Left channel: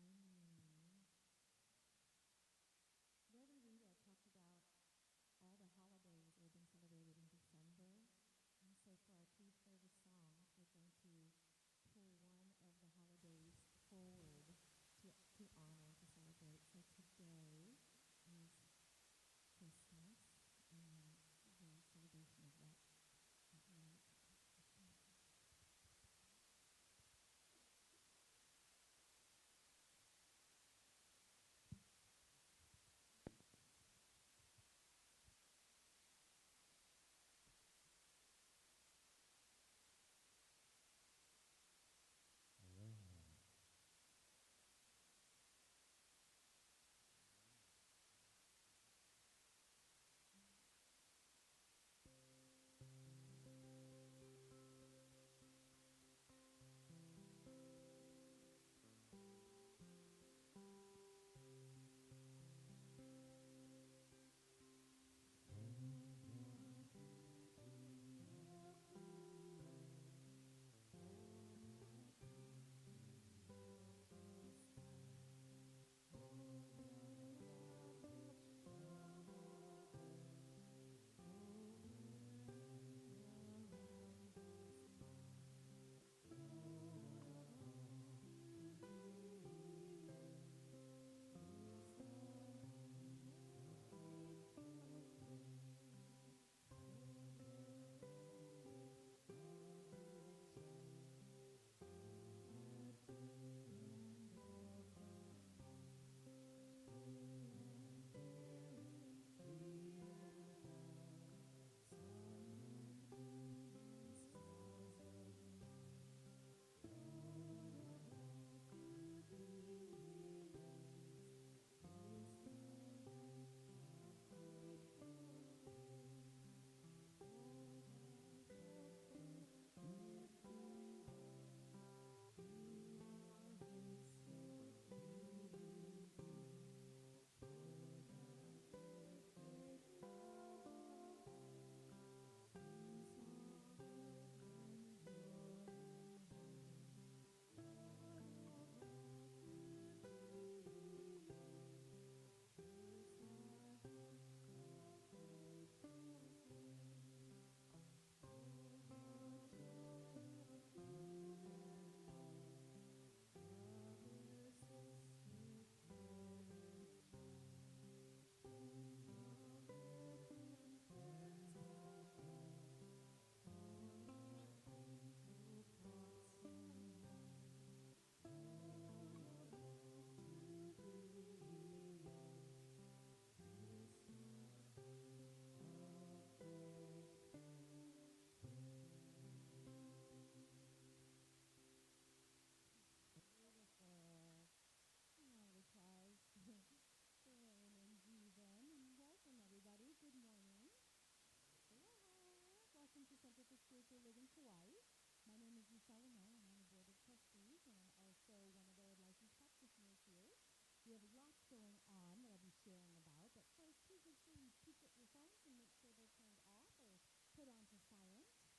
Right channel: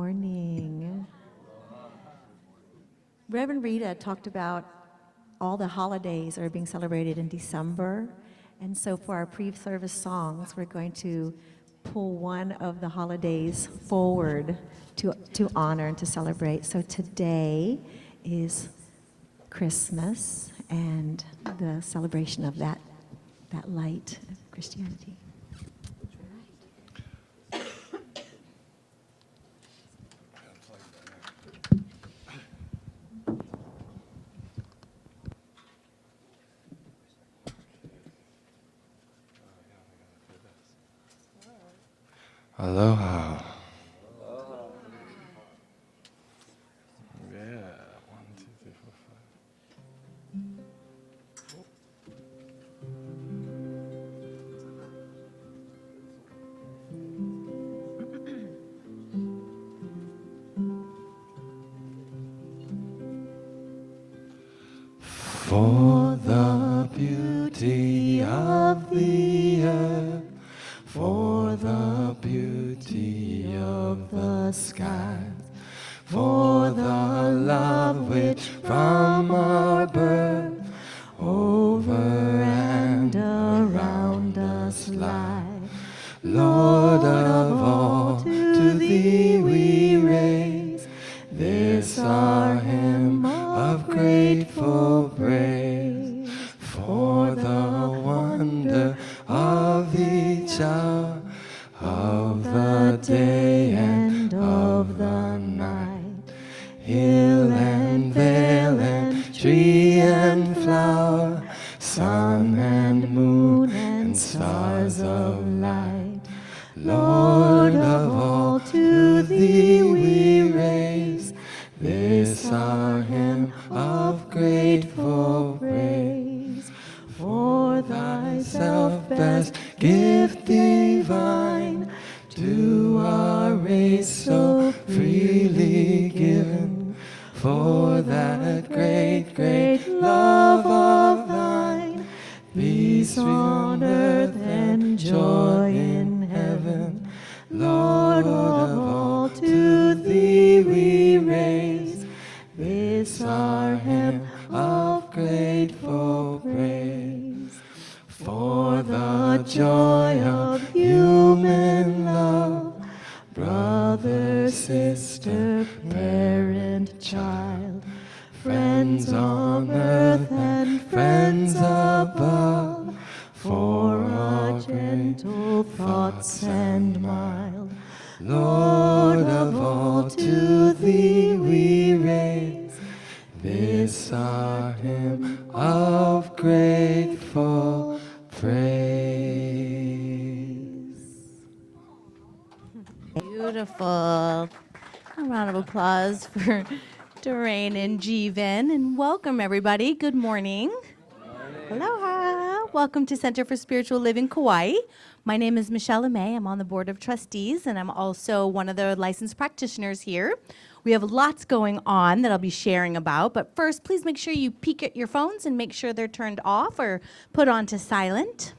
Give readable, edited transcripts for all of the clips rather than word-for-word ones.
Morning. Reverend Rita talked about all the holidays that are being celebrated in December. And so for our pre-service songs, we're going to pull one of the holidays forward to honor and to celebrate. So today is Christmas and the celebration of that light of Christianity. Aloha. Yeah. 1, 2, 3, 4, 5. For the beauty of the earth, for the beauty of the skies, for the love which from our birth over and around us lies. Lord of all, to thee we raise this our hymn of grateful praise. For the wonder of each hour, of the day and of the night, hill and vale and tree and flower, sun and moon and stars of light. Lord of all, to thee we raise this our hymn of grateful praise. For thyself best gift divine, to our race so freely given, for that great, great love of thine, peace on earth and joy in heaven. Lord of all, to thee we raise this our hymn of grateful praise. For the joy of human love, brother, sister, parent, child, friends on earth and friends above, for our gentle thoughts and mild. Lord of all, to thee we raise this our hymn of grateful praise. Beautiful. A round of applause for Doreen and Jeevan, and welcome everybody. Good morning. Aloha. Welcome to Center for Spiritual Living Kauai. My name is Michelle LeMay. I'm on the board of trustees, and I'm also one of the licensed practitioners here. We have lots going on that I'll be sharing about, but first, please make sure you peek at your phones and make sure they're turned off or put onto silent.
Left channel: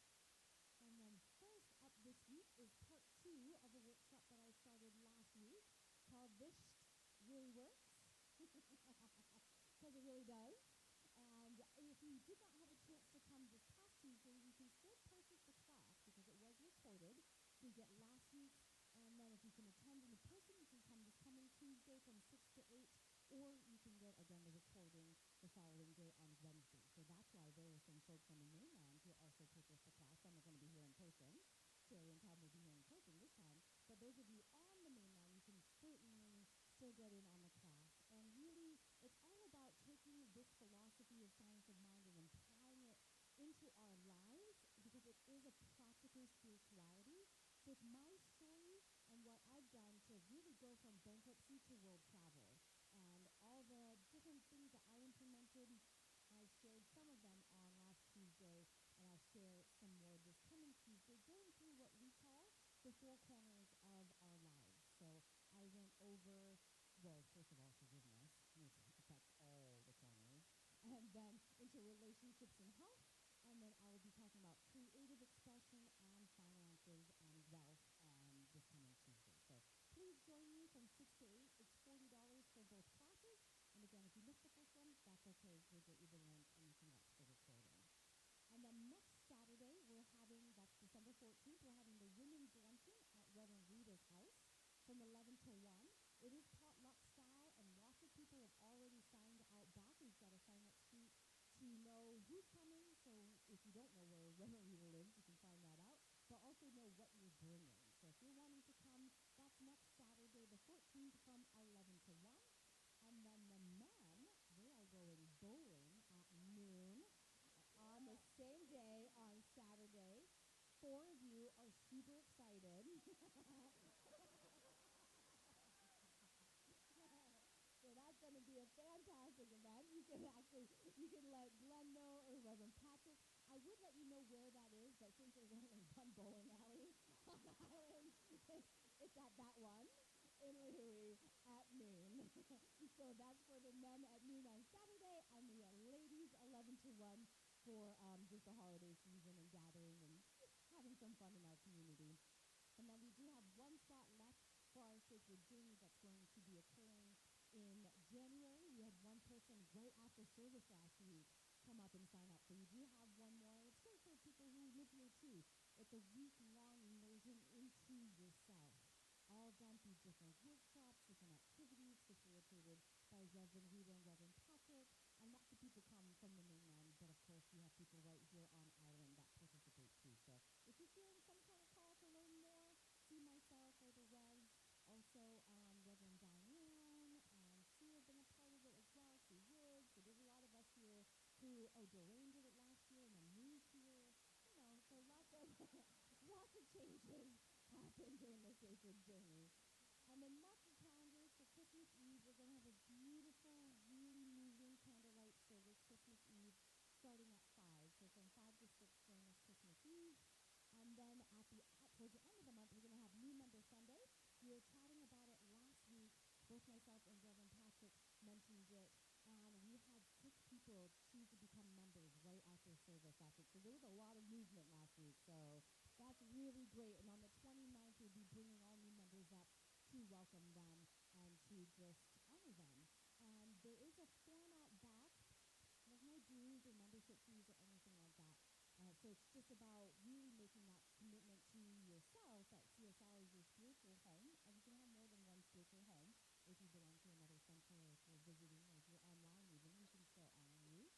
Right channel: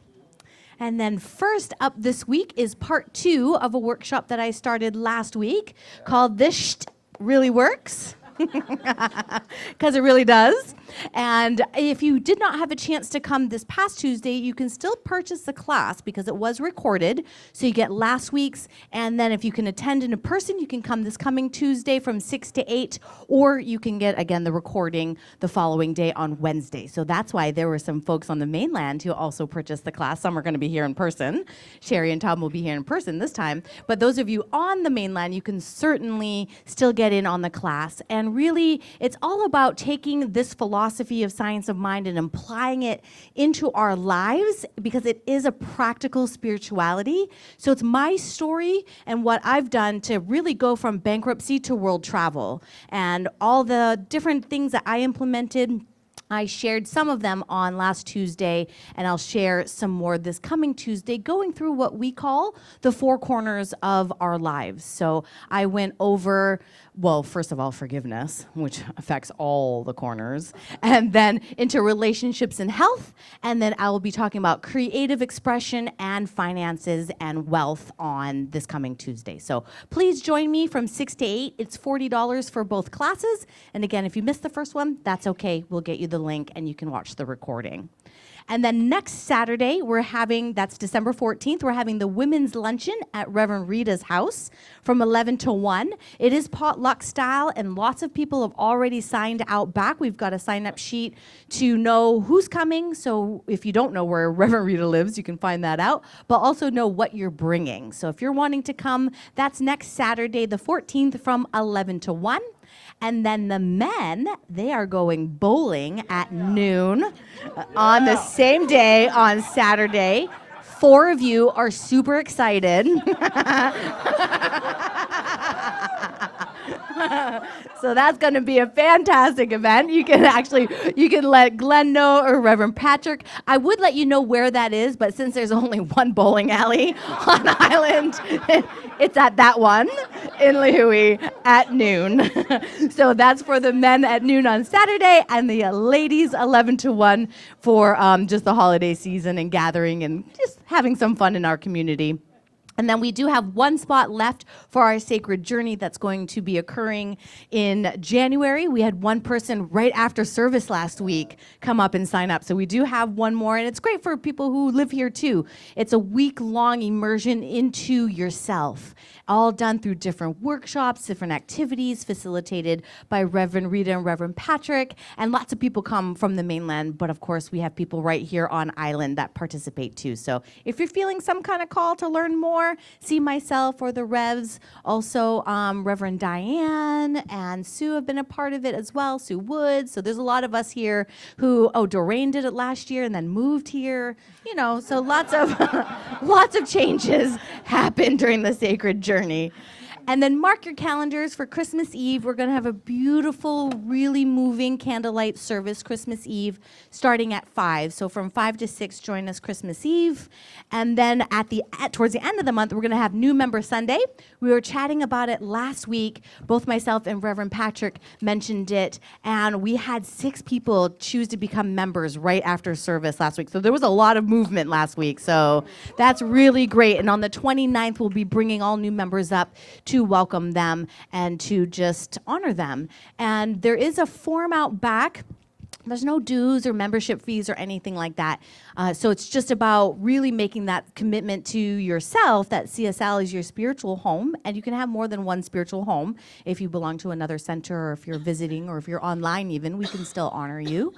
And then first up this week is part 2 of a workshop that I started last week called This Sht Really Works. Because it really does. And if you did not have a chance to come this past Tuesday, you can still purchase the class because it was recorded. So you get last week's, and then if you can attend in person, you can come this coming Tuesday from 6 to 8, or you can get, again, the recording the following day on Wednesday. So that's why there were some folks on the mainland who also purchased the class. Some are going to be here in person. Sherry and Tom will be here in person this time. But those of you on the mainland, you can certainly still get in on the class. And really, it's all about taking this philosophy of science of mind and applying it into our lives, because it is a practical spirituality. So it's my story and what I've done to really go from bankruptcy to world travel, and all the different things that I implemented. I shared some of them on last Tuesday, and I'll share some more this coming Tuesday, going through what we call the 4 corners of our lives. So I went over well, first of all, forgiveness, which affects all the corners, and then into relationships and health, and then I will be talking about creative expression and finances and wealth on this coming Tuesday. So please join me from 6 to 8. It's $40 for both classes, and again, if you missed the first one, that's okay. We'll get you the link, and you can watch the recording. And then next Saturday, that's December 14th, we're having the women's luncheon at Reverend Rita's house from 11 to 1. It is potluck style, and lots of people have already signed out back. We've got a sign-up sheet to know who's coming, so if you don't know where Reverend Rita lives, you can find that out, but also know what you're bringing. So if you're wanting to come, that's next Saturday, the 14th, from 11 to 1. And then the men, they are going bowling at noon on the same day on Saturday. 4 of you are super excited. So that's going to be a fantastic event. You can let Glenn know or Reverend Patrick. I would let you know where that is, but since there's only one bowling alley on Island, it's at that one in Lihui at noon. So that's for the men at noon on Saturday, and the ladies 11 to 1 for just the holiday season and gathering and just having some fun in our community. And then we do have one spot left for our Sacred Journey that's going to be occurring in January. We had one person right after service last week come up and sign up. So we do have one more, and it's great for people who live here too. It's a week-long immersion into yourself, all done through different workshops, different activities facilitated by Reverend Rita and Reverend Patrick. And lots of people come from the mainland, but of course we have people right here on Island that participate too. So if you're feeling some kind of call to learn more, see myself or the Revs. Also, Reverend Diane and Sue have been a part of it as well, Sue Woods. So there's a lot of us here who, Doreen did it last year and then moved here. So lots of changes happen during the Sacred Journey. And then mark your calendars for Christmas Eve. We're going to have a beautiful, really moving candlelight service Christmas Eve starting at 5. So from 5 to 6, join us Christmas Eve. And then towards the end of the month, we're going to have New Member Sunday. We were chatting about it last week. Both myself and Reverend Patrick mentioned it. And we had 6 people choose to become members right after service last week. So there was a lot of movement last week. So that's really great. And on the 29th, we'll be bringing all new members up to welcome them and to just honor them. And there is a form out back. There's no dues or membership fees or anything like that. So it's just about really making that commitment to yourself that CSL is your spiritual home, and you can have more than one spiritual home. If you belong to another center, or if you're visiting, or if you're online even, we can still honor you.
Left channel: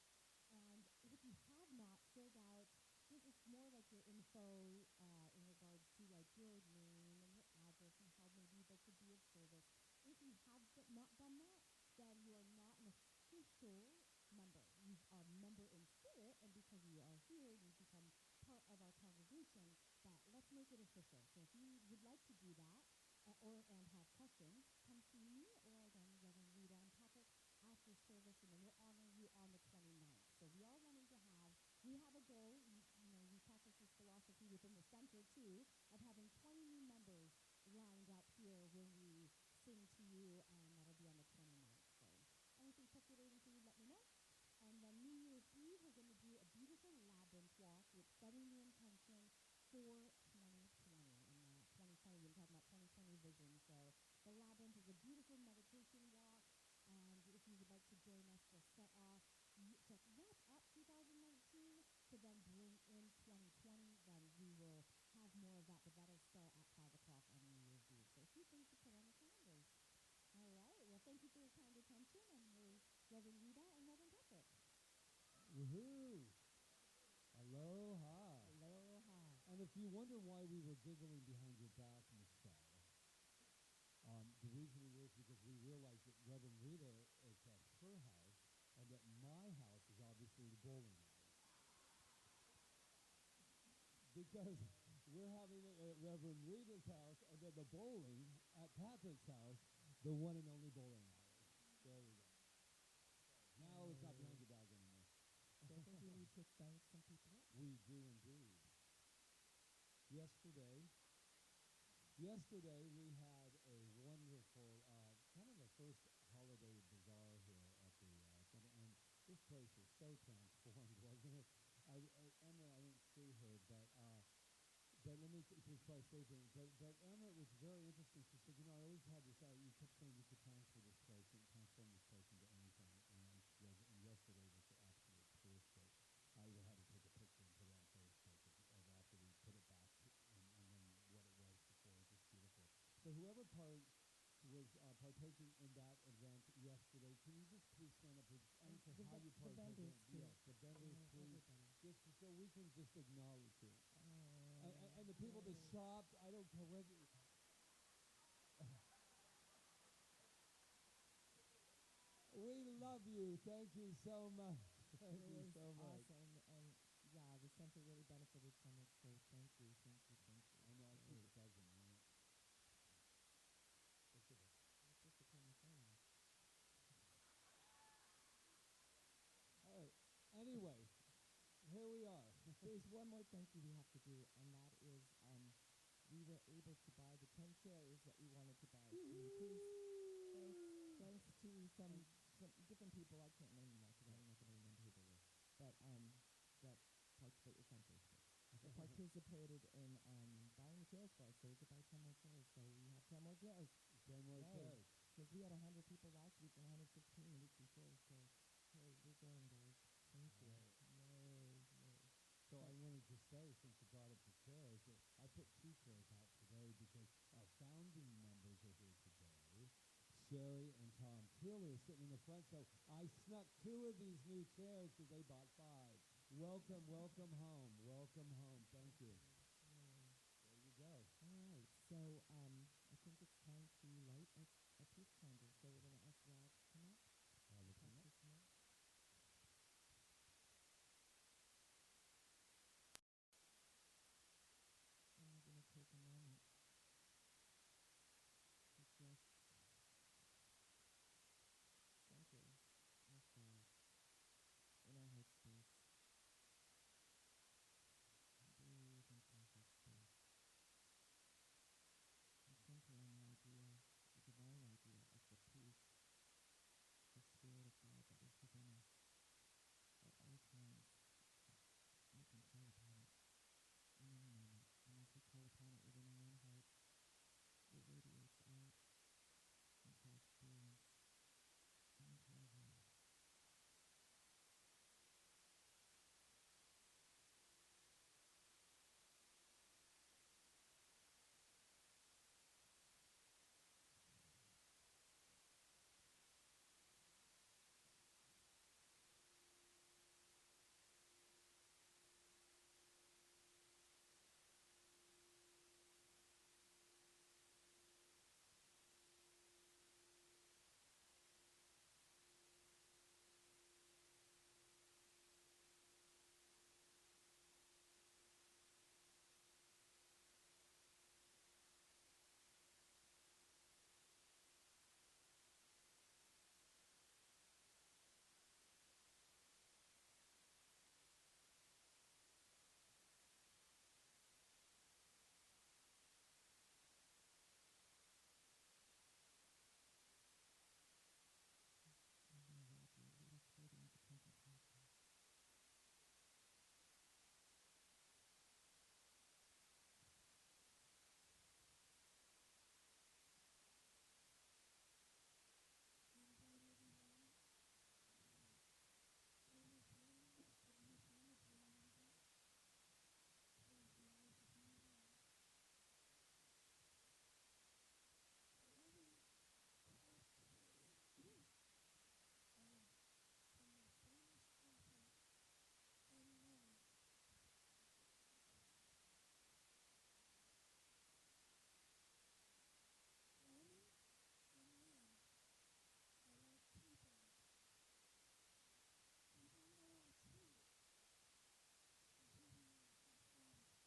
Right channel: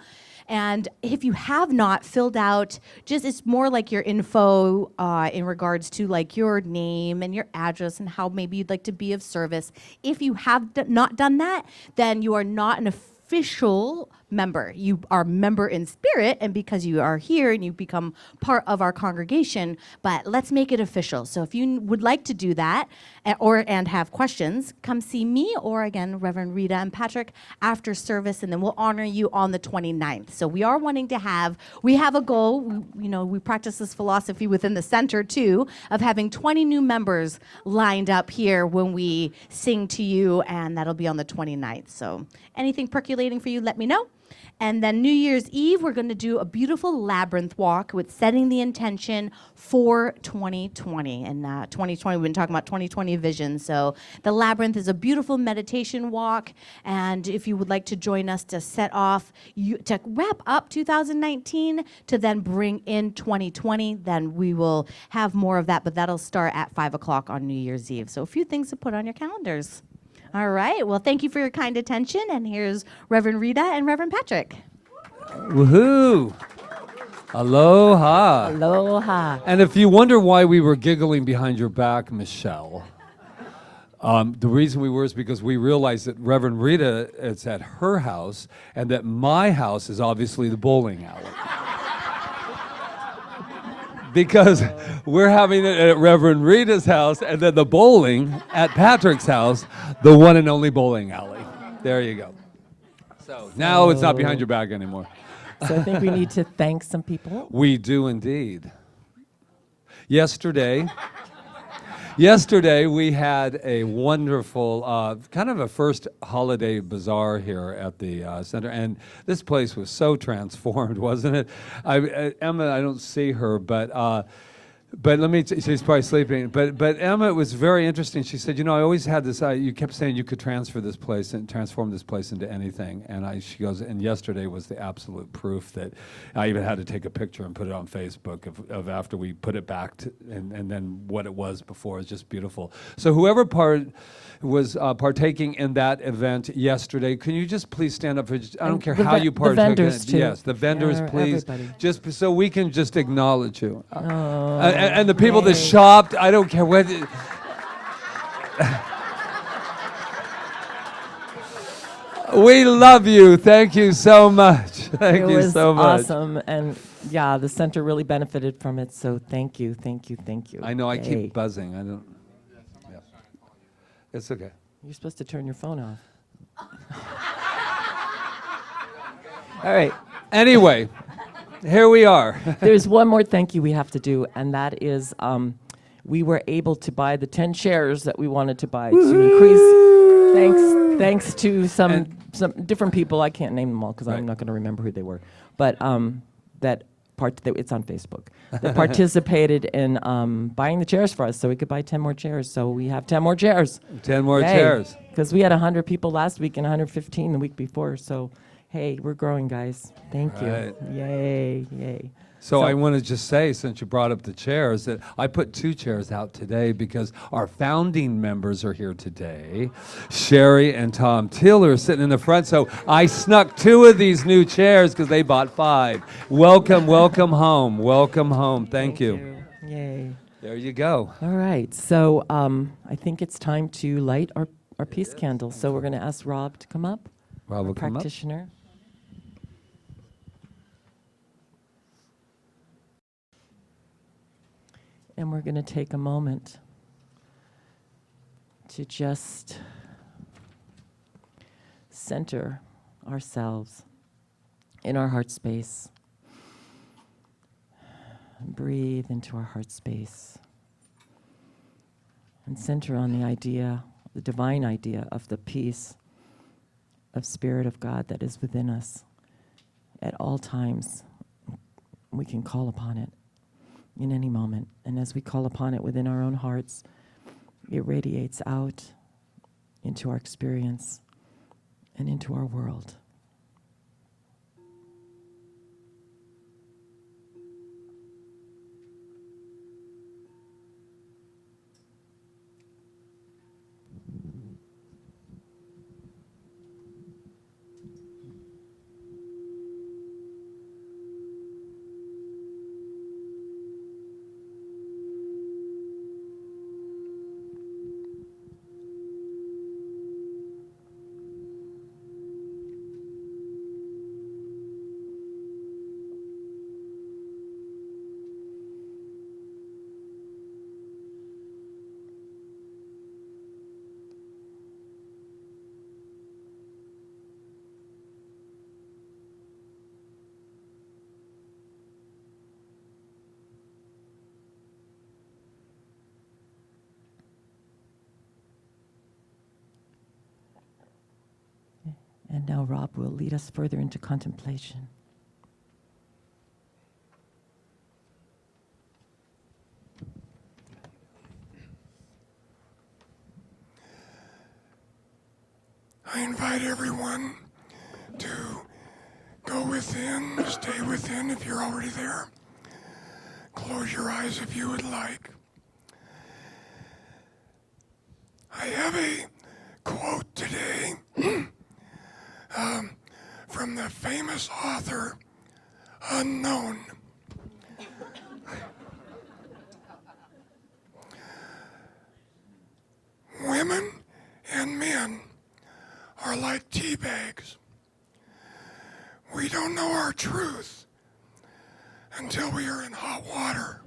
And if you have not filled out, it's more like your info in regards to like your name and your address and how maybe you'd like to be of service. If you have not done that, then you are not an official member. You are a member in spirit, and because you are here and you become part of our congregation, but let's make it official. So if you would like to do that and have questions, come see me or again Reverend Rita and Patrick after service, and then we'll honor you on the 29th. So we are wanting to we have a goal, we practice this philosophy within the center too, of having 20 new members lined up here when we sing to you, and that'll be on the 29th. So anything percolating for you, let me know. And then New Year's Eve, we're going to do a beautiful labyrinth walk with setting the intention for 2020. And 2020, we've been talking about 2020 vision. So the labyrinth is a beautiful meditation walk. And if you would like to join us to set off, to wrap up 2019, to then bring in 2020, then we will have more of that. But that'll start at 5 o'clock on New Year's Eve. So a few things to put on your calendars. All right. Well, thank you for your kind attention. And here's Reverend Rita and Reverend Patrick. Woohoo! Aloha. Aloha. And if you wonder why we were giggling behind your back, Michelle, the reason we were is because we realized that Reverend Rita is at her house and that my house is obviously the bowling alley. Because we're having it at Reverend Rita's house and then the bowling at Patrick's house, the one and only bowling alley. There you go. So now it's not behind your back anymore. So I think we need to thank some people. We do indeed. Yesterday, Yesterday, we had a wonderful, kind of a first holiday bazaar here at the center, and this place was so transformed, wasn't it? Emma, I don't see her, but let me, she's probably sleeping. But Emma, it was very interesting. She said, I always had this, you kept saying you could transfer this place and transform this place into anything. And she goes, and yesterday was the absolute proof that I even had to take a picture and put it on Facebook of after we put it back to, and then what it was before. It's just beautiful. So whoever was partaking in that event yesterday, can you just please stand up? I don't care how you partook. The vendors too. Yes, the vendors, Yeah, please. everybody. Just so we can just acknowledge you. Oh, And the people that yay. shopped, I don't care what. We love you. Thank you so much. Thank It you was so much. awesome, and yeah, the center really benefited from it. So thank you, thank you, thank you. I know I Yay. keep buzzing. I don't. Yeah. It's okay. You're supposed to turn your phone off. All right. Anyway, here we are. There's one more thank you we have to do, and that is we were able to buy the 10 chairs that we wanted to buy to increase. Thanks to some different people. I can't name them all because Right. I'm not going to remember who they were. But it's on Facebook. That participated in buying the chairs for us, so we could buy 10 more chairs. So we have 10 more chairs. 10 more chairs. Because we had 100 people last week and 115 the week before. So, hey, we're growing, guys. Thank Right. you. Yay, yay. So I want to just say, since you brought up the chairs, that I put 2 chairs out today because our founding members are here today. Sherry and Tom Tiller are sitting in the front, so I snuck 2 of these new chairs because they bought 5. Welcome, welcome home. Welcome home. Thank you. Yay. There you go. All right. So I think it's time to light our peace candle. So we're going to ask Rob to come up, Rob will come up. practitioner. And we're going to take a moment to just center ourselves in our heart space. Breathe into our heart space. And center on the idea, the divine idea of the peace of Spirit of God that is within us. At all times, we can call upon it in any moment. And as we call upon it within our own hearts, it radiates out into our experience and into our world. And now Rob will lead us further into contemplation. I invite everyone to go within, stay within if you're already there. Close your eyes if you would like. I have a quote today from the famous author, Unknown. Women and men are like tea bags. We don't know our truth until we are in hot water.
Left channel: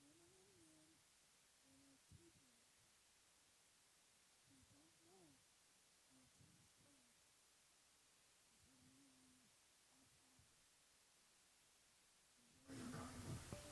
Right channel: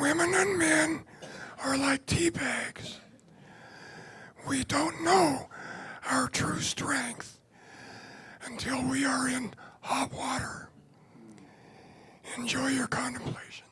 Women and men are like tea bags. We don't know our true strength until we are in hot water. Enjoy your contemplation.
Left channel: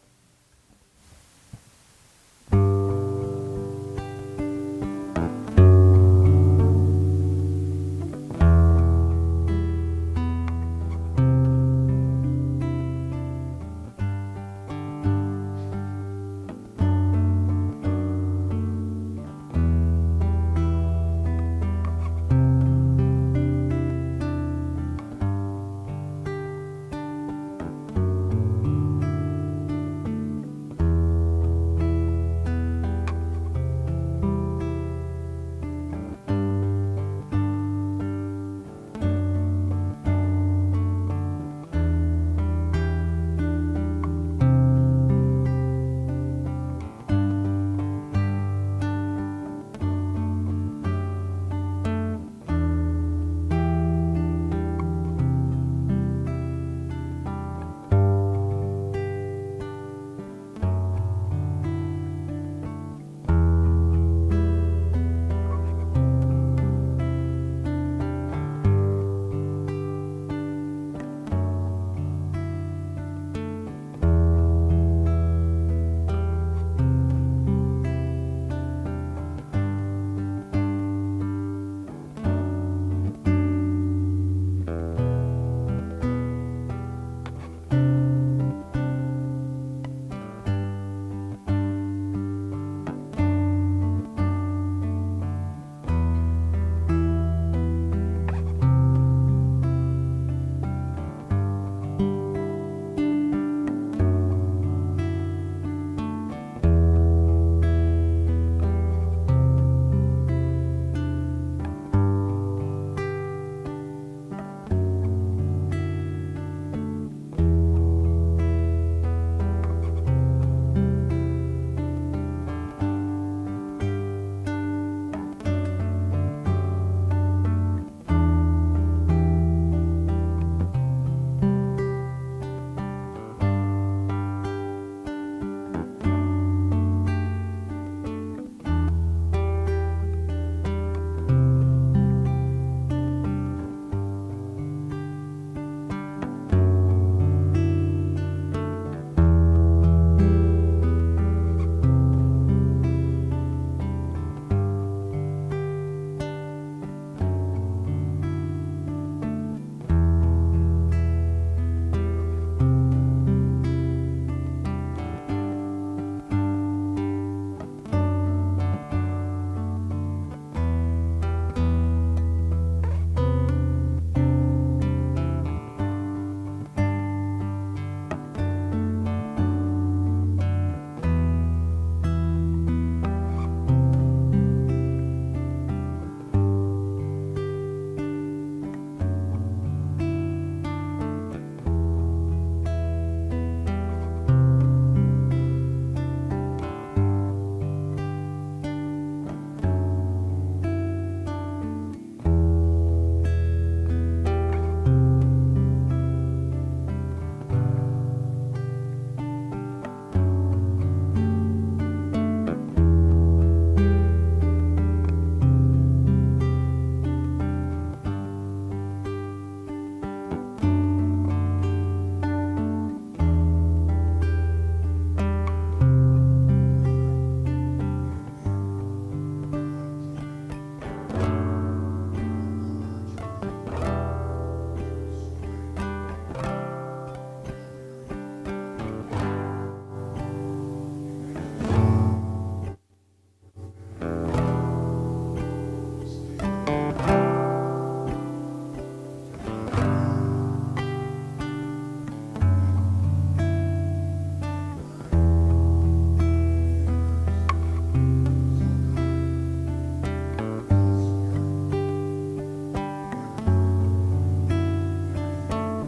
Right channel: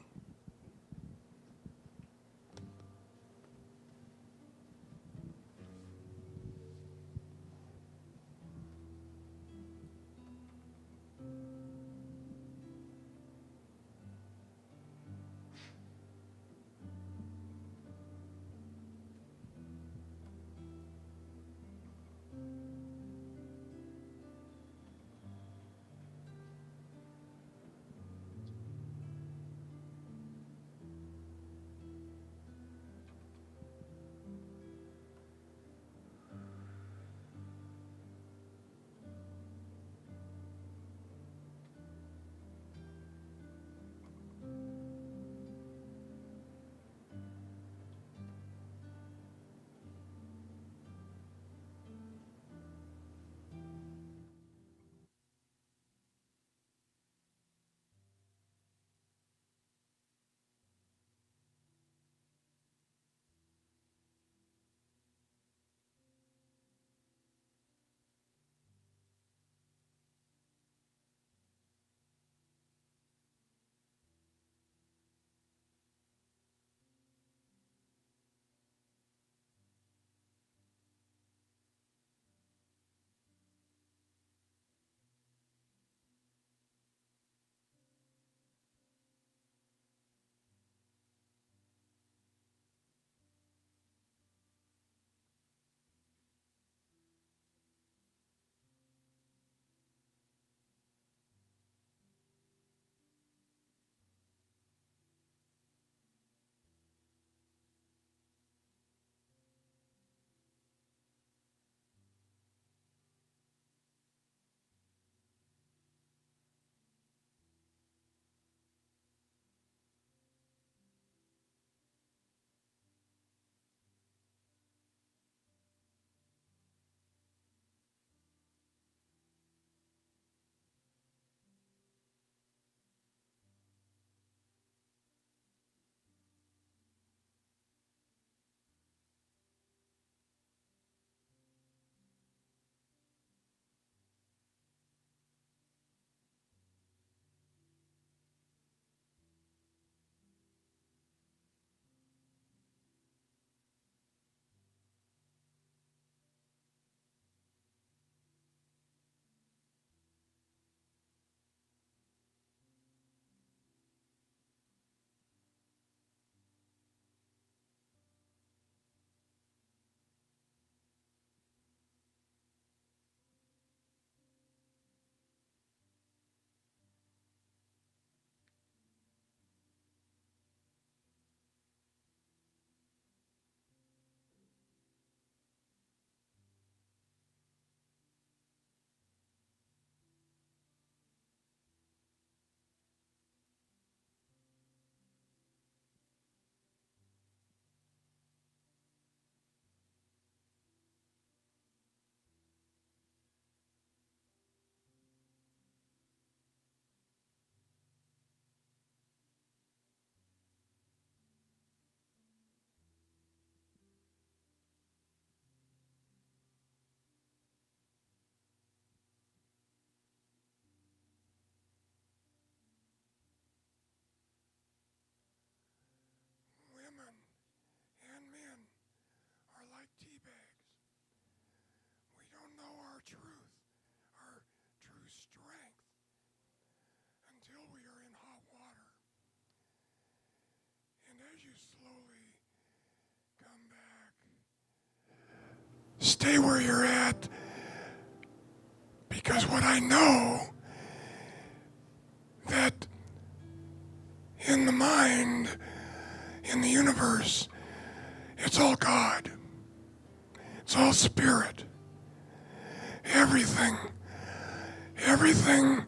everything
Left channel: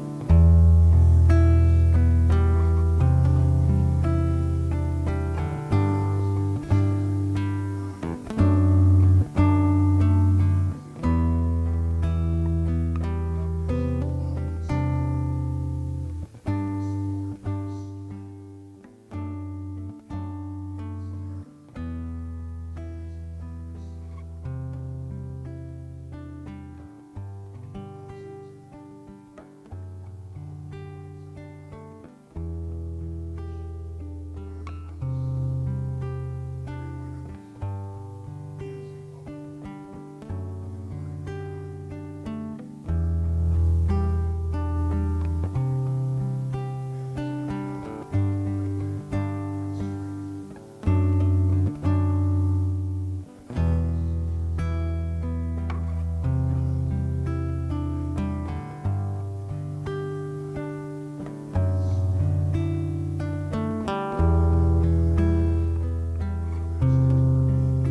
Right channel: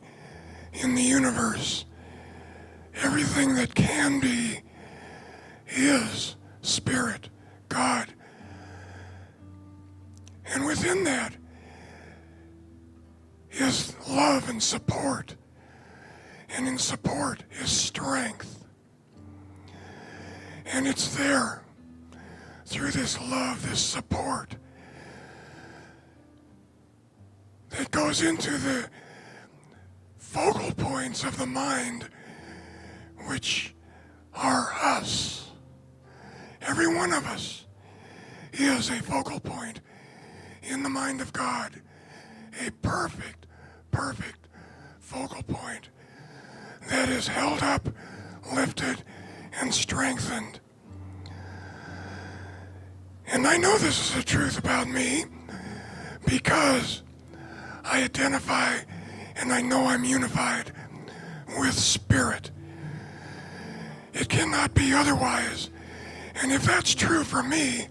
in the universe, everything that can be, is Spirit, God. And within that is love and support. And in support is strength. And it's there through this love, this support, that goes into the focal points of the mind, which are us. Every one of us is a focal point in the mind of God, a perfect focal point that is held up, lifted, and strengthened. And I know this is the truth about me because I identify and I know I'm unified with Spirit. It cannot be otherwise. And if that's true for me,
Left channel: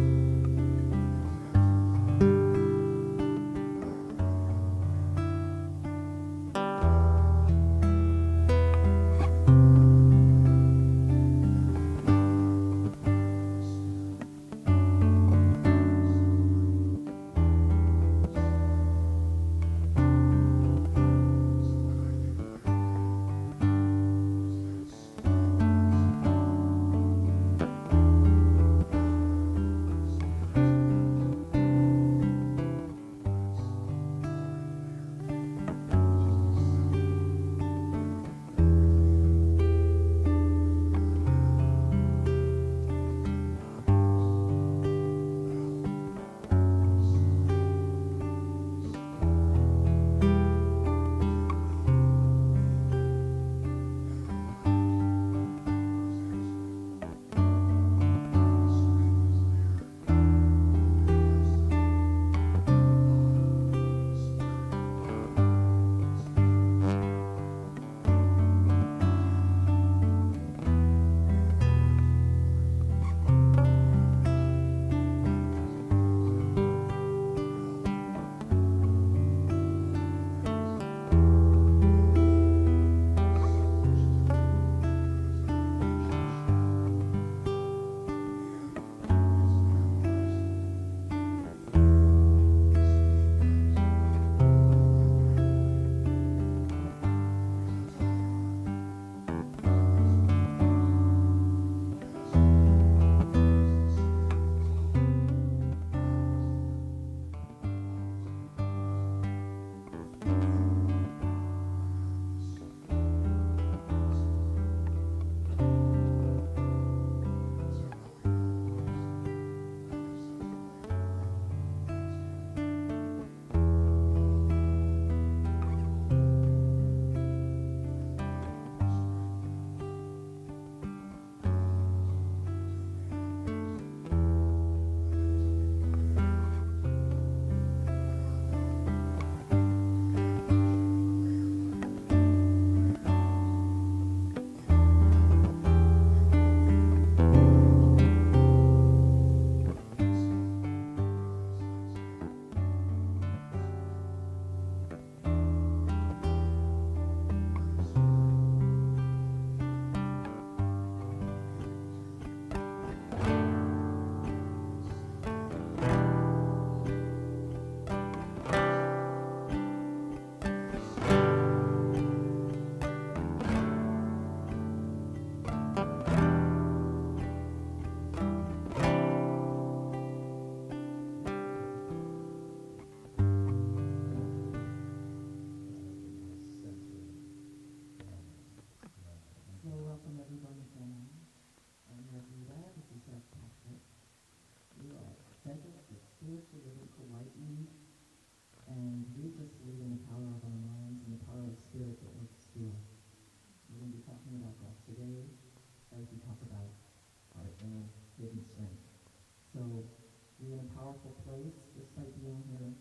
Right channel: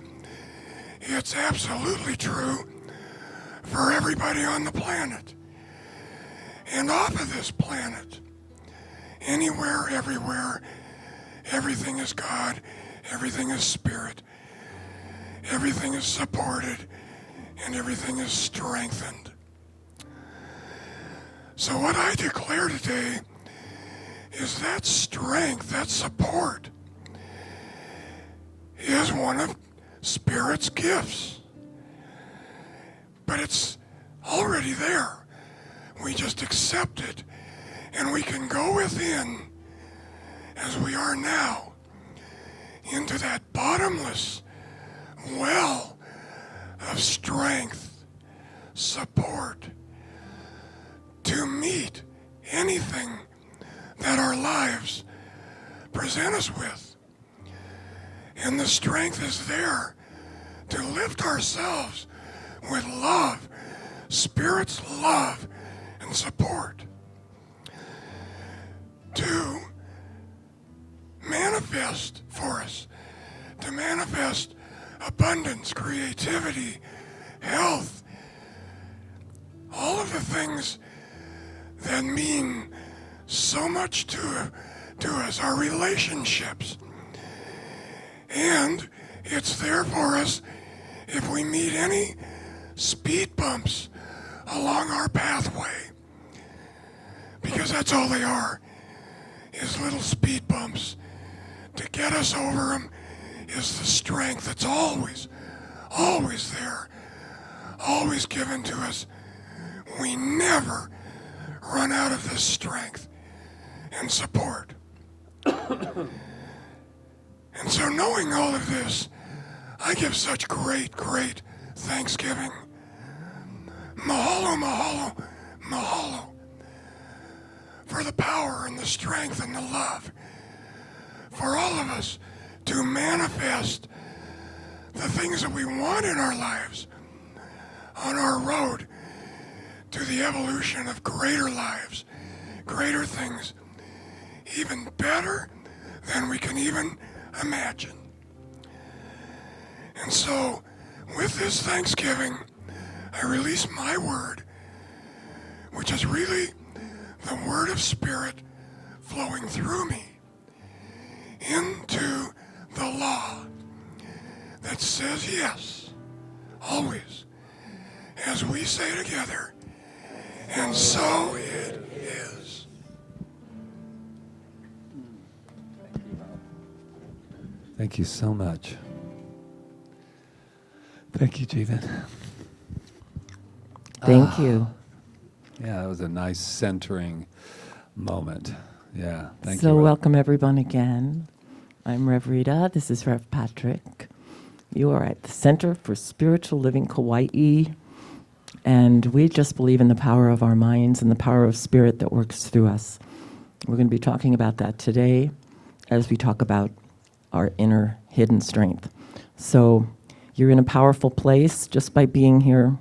it's absolutely true for everybody on the planet. And off of this planet, anywhere, everywhere, everything is God, everything is Spirit, everything is supported, and everything is strengthened. So what I declare today is that strength, that support, is one of Spirit's gifts. But it's already there. We just accept it, and we can go within, as we are now, into that bottomless well of strength, support, to meet anything that our lives present us with. And the strength is there to lift ourselves with love, Spirit's love and support, to manifest for us, to manifest abundance, creativity, health, all of the things that mean so much to us, our relationships. And it's there for us if we meet any speed bumps along our pathway, because that's all they are, is little speed bumps. To get us over them is the strength that's always there, always given to us. We never run out of this strength and support. And so knowing all of this, I give such great thanksgiving. Mahalo, mahalo, mahalo, for the power and the strength and the love for all of us to manifest the things that we want in our lives on our road to the evolution of greater lives, greater things, even better than we can even imagine. And so, with this Thanksgiving, I release my word, which is really the word of Spirit flowing through me into the law that says yes, always, as we say together, and so it is. Thank you so much. Thank you, Jeevan. Thank you. Yeah, that was a nice centering moment. Yeah, thank So you. welcome everyone again. I'm Rev Rita. This is Rev Patrick. You are at the Center for Spiritual Living Kauai, and we just believe in the power of our minds and the power of Spirit that works through us. We're going to be talking about that today as we talk about our inner hidden strength. So you're in a powerful place just by being here,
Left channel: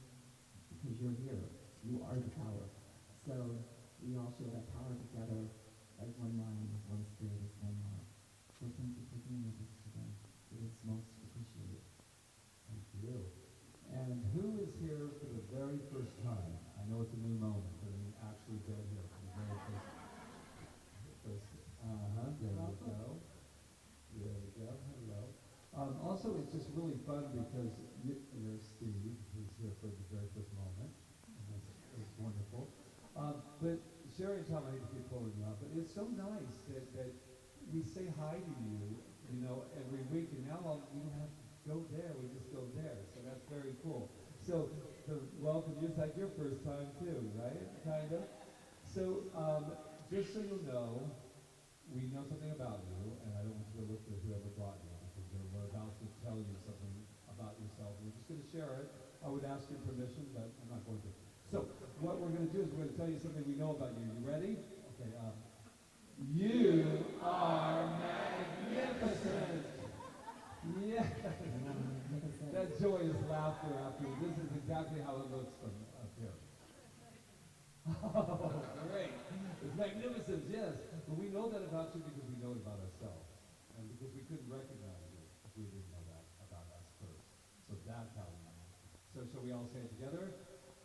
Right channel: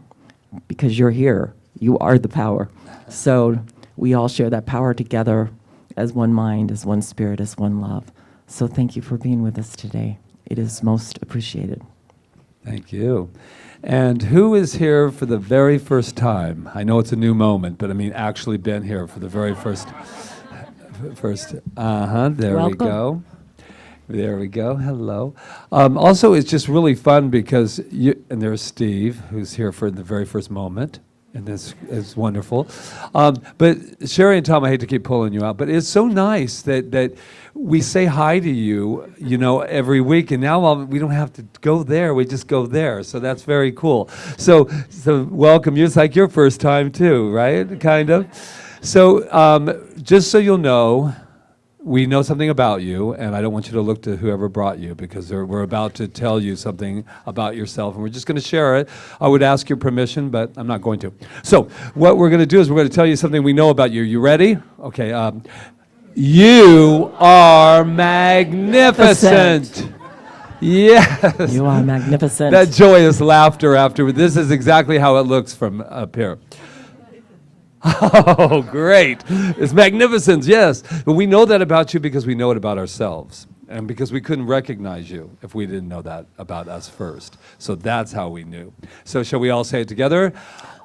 because you're here. You are the power. So we all share that power together as one mind, as one spirit, as one love. So thank you for being with us today. It is most appreciated. Thank you. And who is here for the very first time? I know it's a new moment, but I mean actually been here for the very first. There Welcome. we go. There we go. Hello. Also, it's just really fun because and there's Steve, who's here for the very first moment, and this is wonderful. But Sherry and Tom, I hate to keep pulling you out, but it's so nice that we say hi to you, every week, and now we don't have to go there. We just go there. So that's very cool. So welcome. It's like your first time too, right? Kind of. So just so you'll know, we know something about you, and I don't want you to look to whoever brought you, because we're about to tell you something about yourself, and we're just going to share it. I would ask your permission, but I'm not going to. So what we're going to do is we're going to tell you something we know about you. You ready? Okay. You are magnificent. Yes. You are magnificent. That joyous laughter afterward. This is exactly how it looks from up here. Oh, great. It's magnificent, yes. But we know that about you because we know it about ourselves. And because we couldn't recognize you if we didn't know that about us first. So that's how we knew. So shall we all say it together?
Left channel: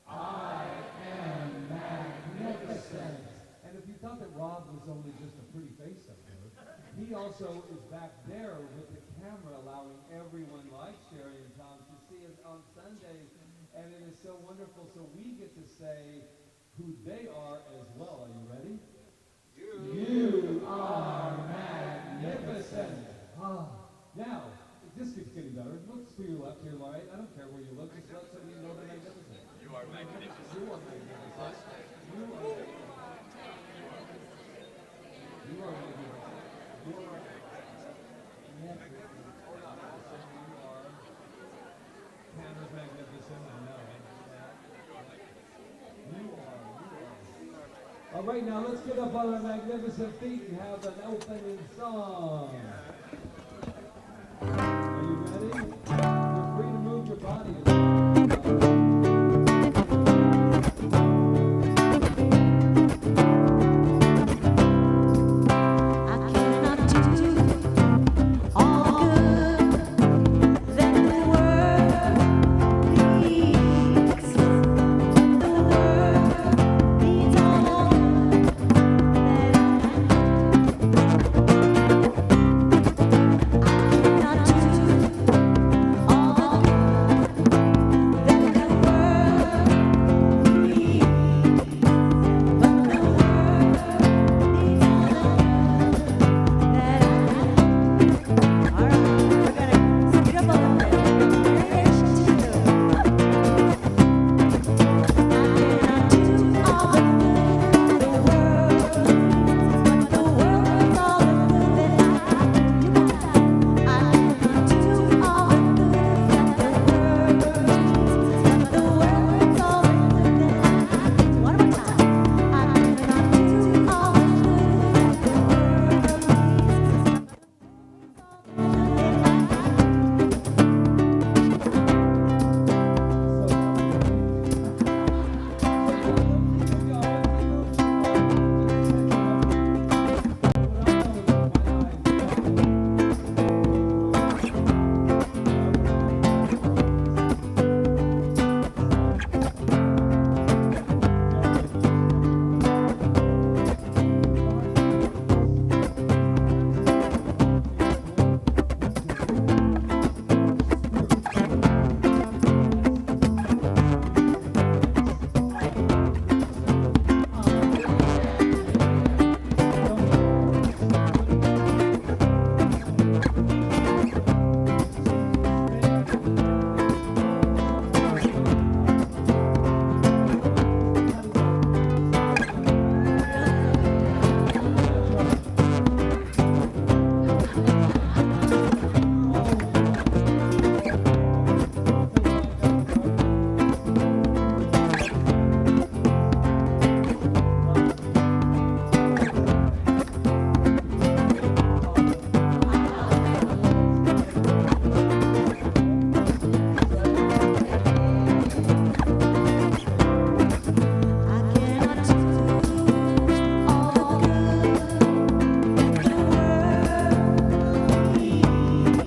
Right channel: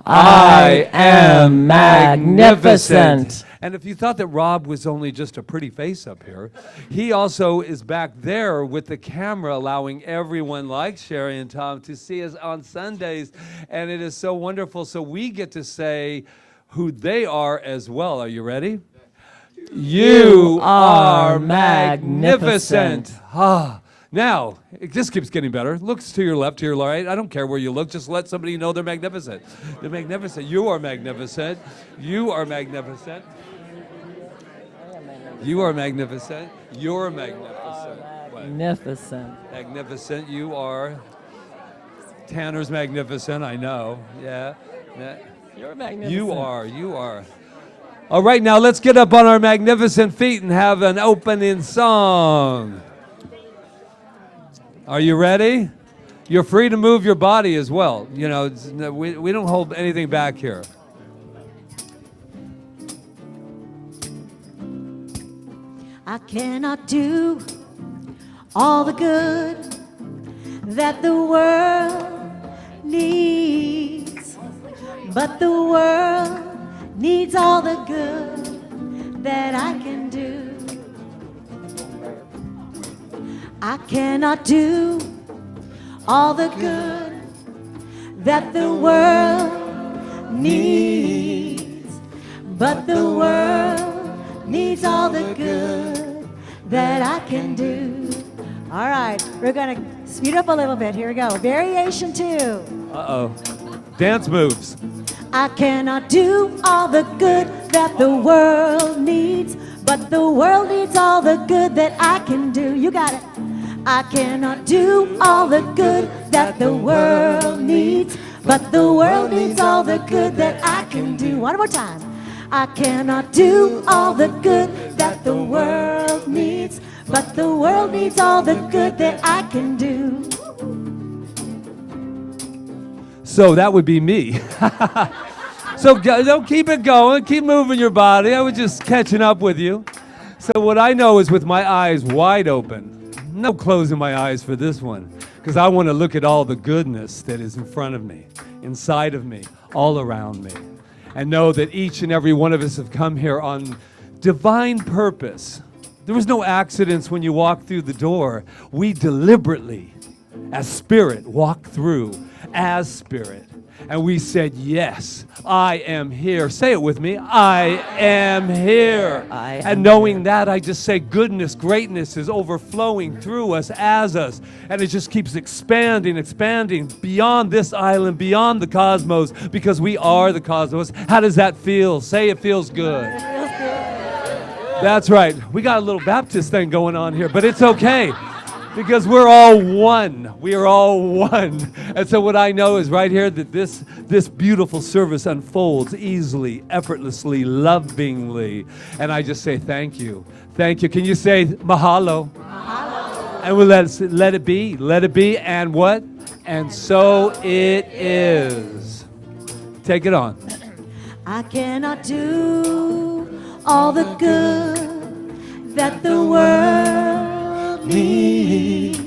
I am magnificent. And if you thought that Rob was only just a pretty face up here, he also is back there with the camera, allowing everyone like Sherry and Tom to see us on Sundays. And it is so wonderful. So we get to say who they are as well. Are you ready? You are magnificent. Now, it just keeps getting better. Looks to your left, to your right. I don't care where you look. Just let somebody know they're magnificent. They're magnificent. You are magnificent. You are magnificent. You are magnificent. You're magnificent. Magnificent. Magnificent. You are. Tanner's magnificent. I know. Yeah. You're magnificent. You are. All right, now let's get up on our magnificent feet and have an opening song. Are you ready? You're free to move your body as well. We don't hold anything back here. I cannot do all the good that the world needs, but the world needs all the good that I can do. I cannot do all the good that the world needs, but the world needs all the good that I can do. All right, we're gonna speed up a little bit. Here we go. Variation 2. Dance moves. I cannot do all the good that the world needs, but the world needs all the good that I can do. You got it. I cannot do all the good that the world needs, but the world needs all the good that I can do. One more time. I cannot do all the good that the world needs, but the world needs all the good that I can do. So that would be me. So don't keep it going. Keep moving your body. I was just catching up with you. So what I know is with my eyes wide open. No closing my eyes for this one, because I want to look at all the goodness that is in front of me, inside of me, all around me, and know that each and every one of us have come here on divine purpose. There was no accidents when you walked through the door. We deliberately, as spirit, walked through as spirit. And we said, yes, I am here. Say it with me. I am here. And knowing that, I just say goodness, greatness is overflowing through us, as us. And it just keeps expanding beyond this island, beyond the cosmos, because we are the cosmos. How does that feel? Say it feels good. That's right. We got a little Baptist thing going on here, but it's okay, because we're all one. We are all one. And so what I know is right here that this beautiful service unfolds easily, effortlessly, lovingly. And I just say thank you. Thank you. Can you say mahalo? Mahalo. And we'll let it be. Let it be. And what? And so it is. Take it on. I cannot do all the good that the world needs,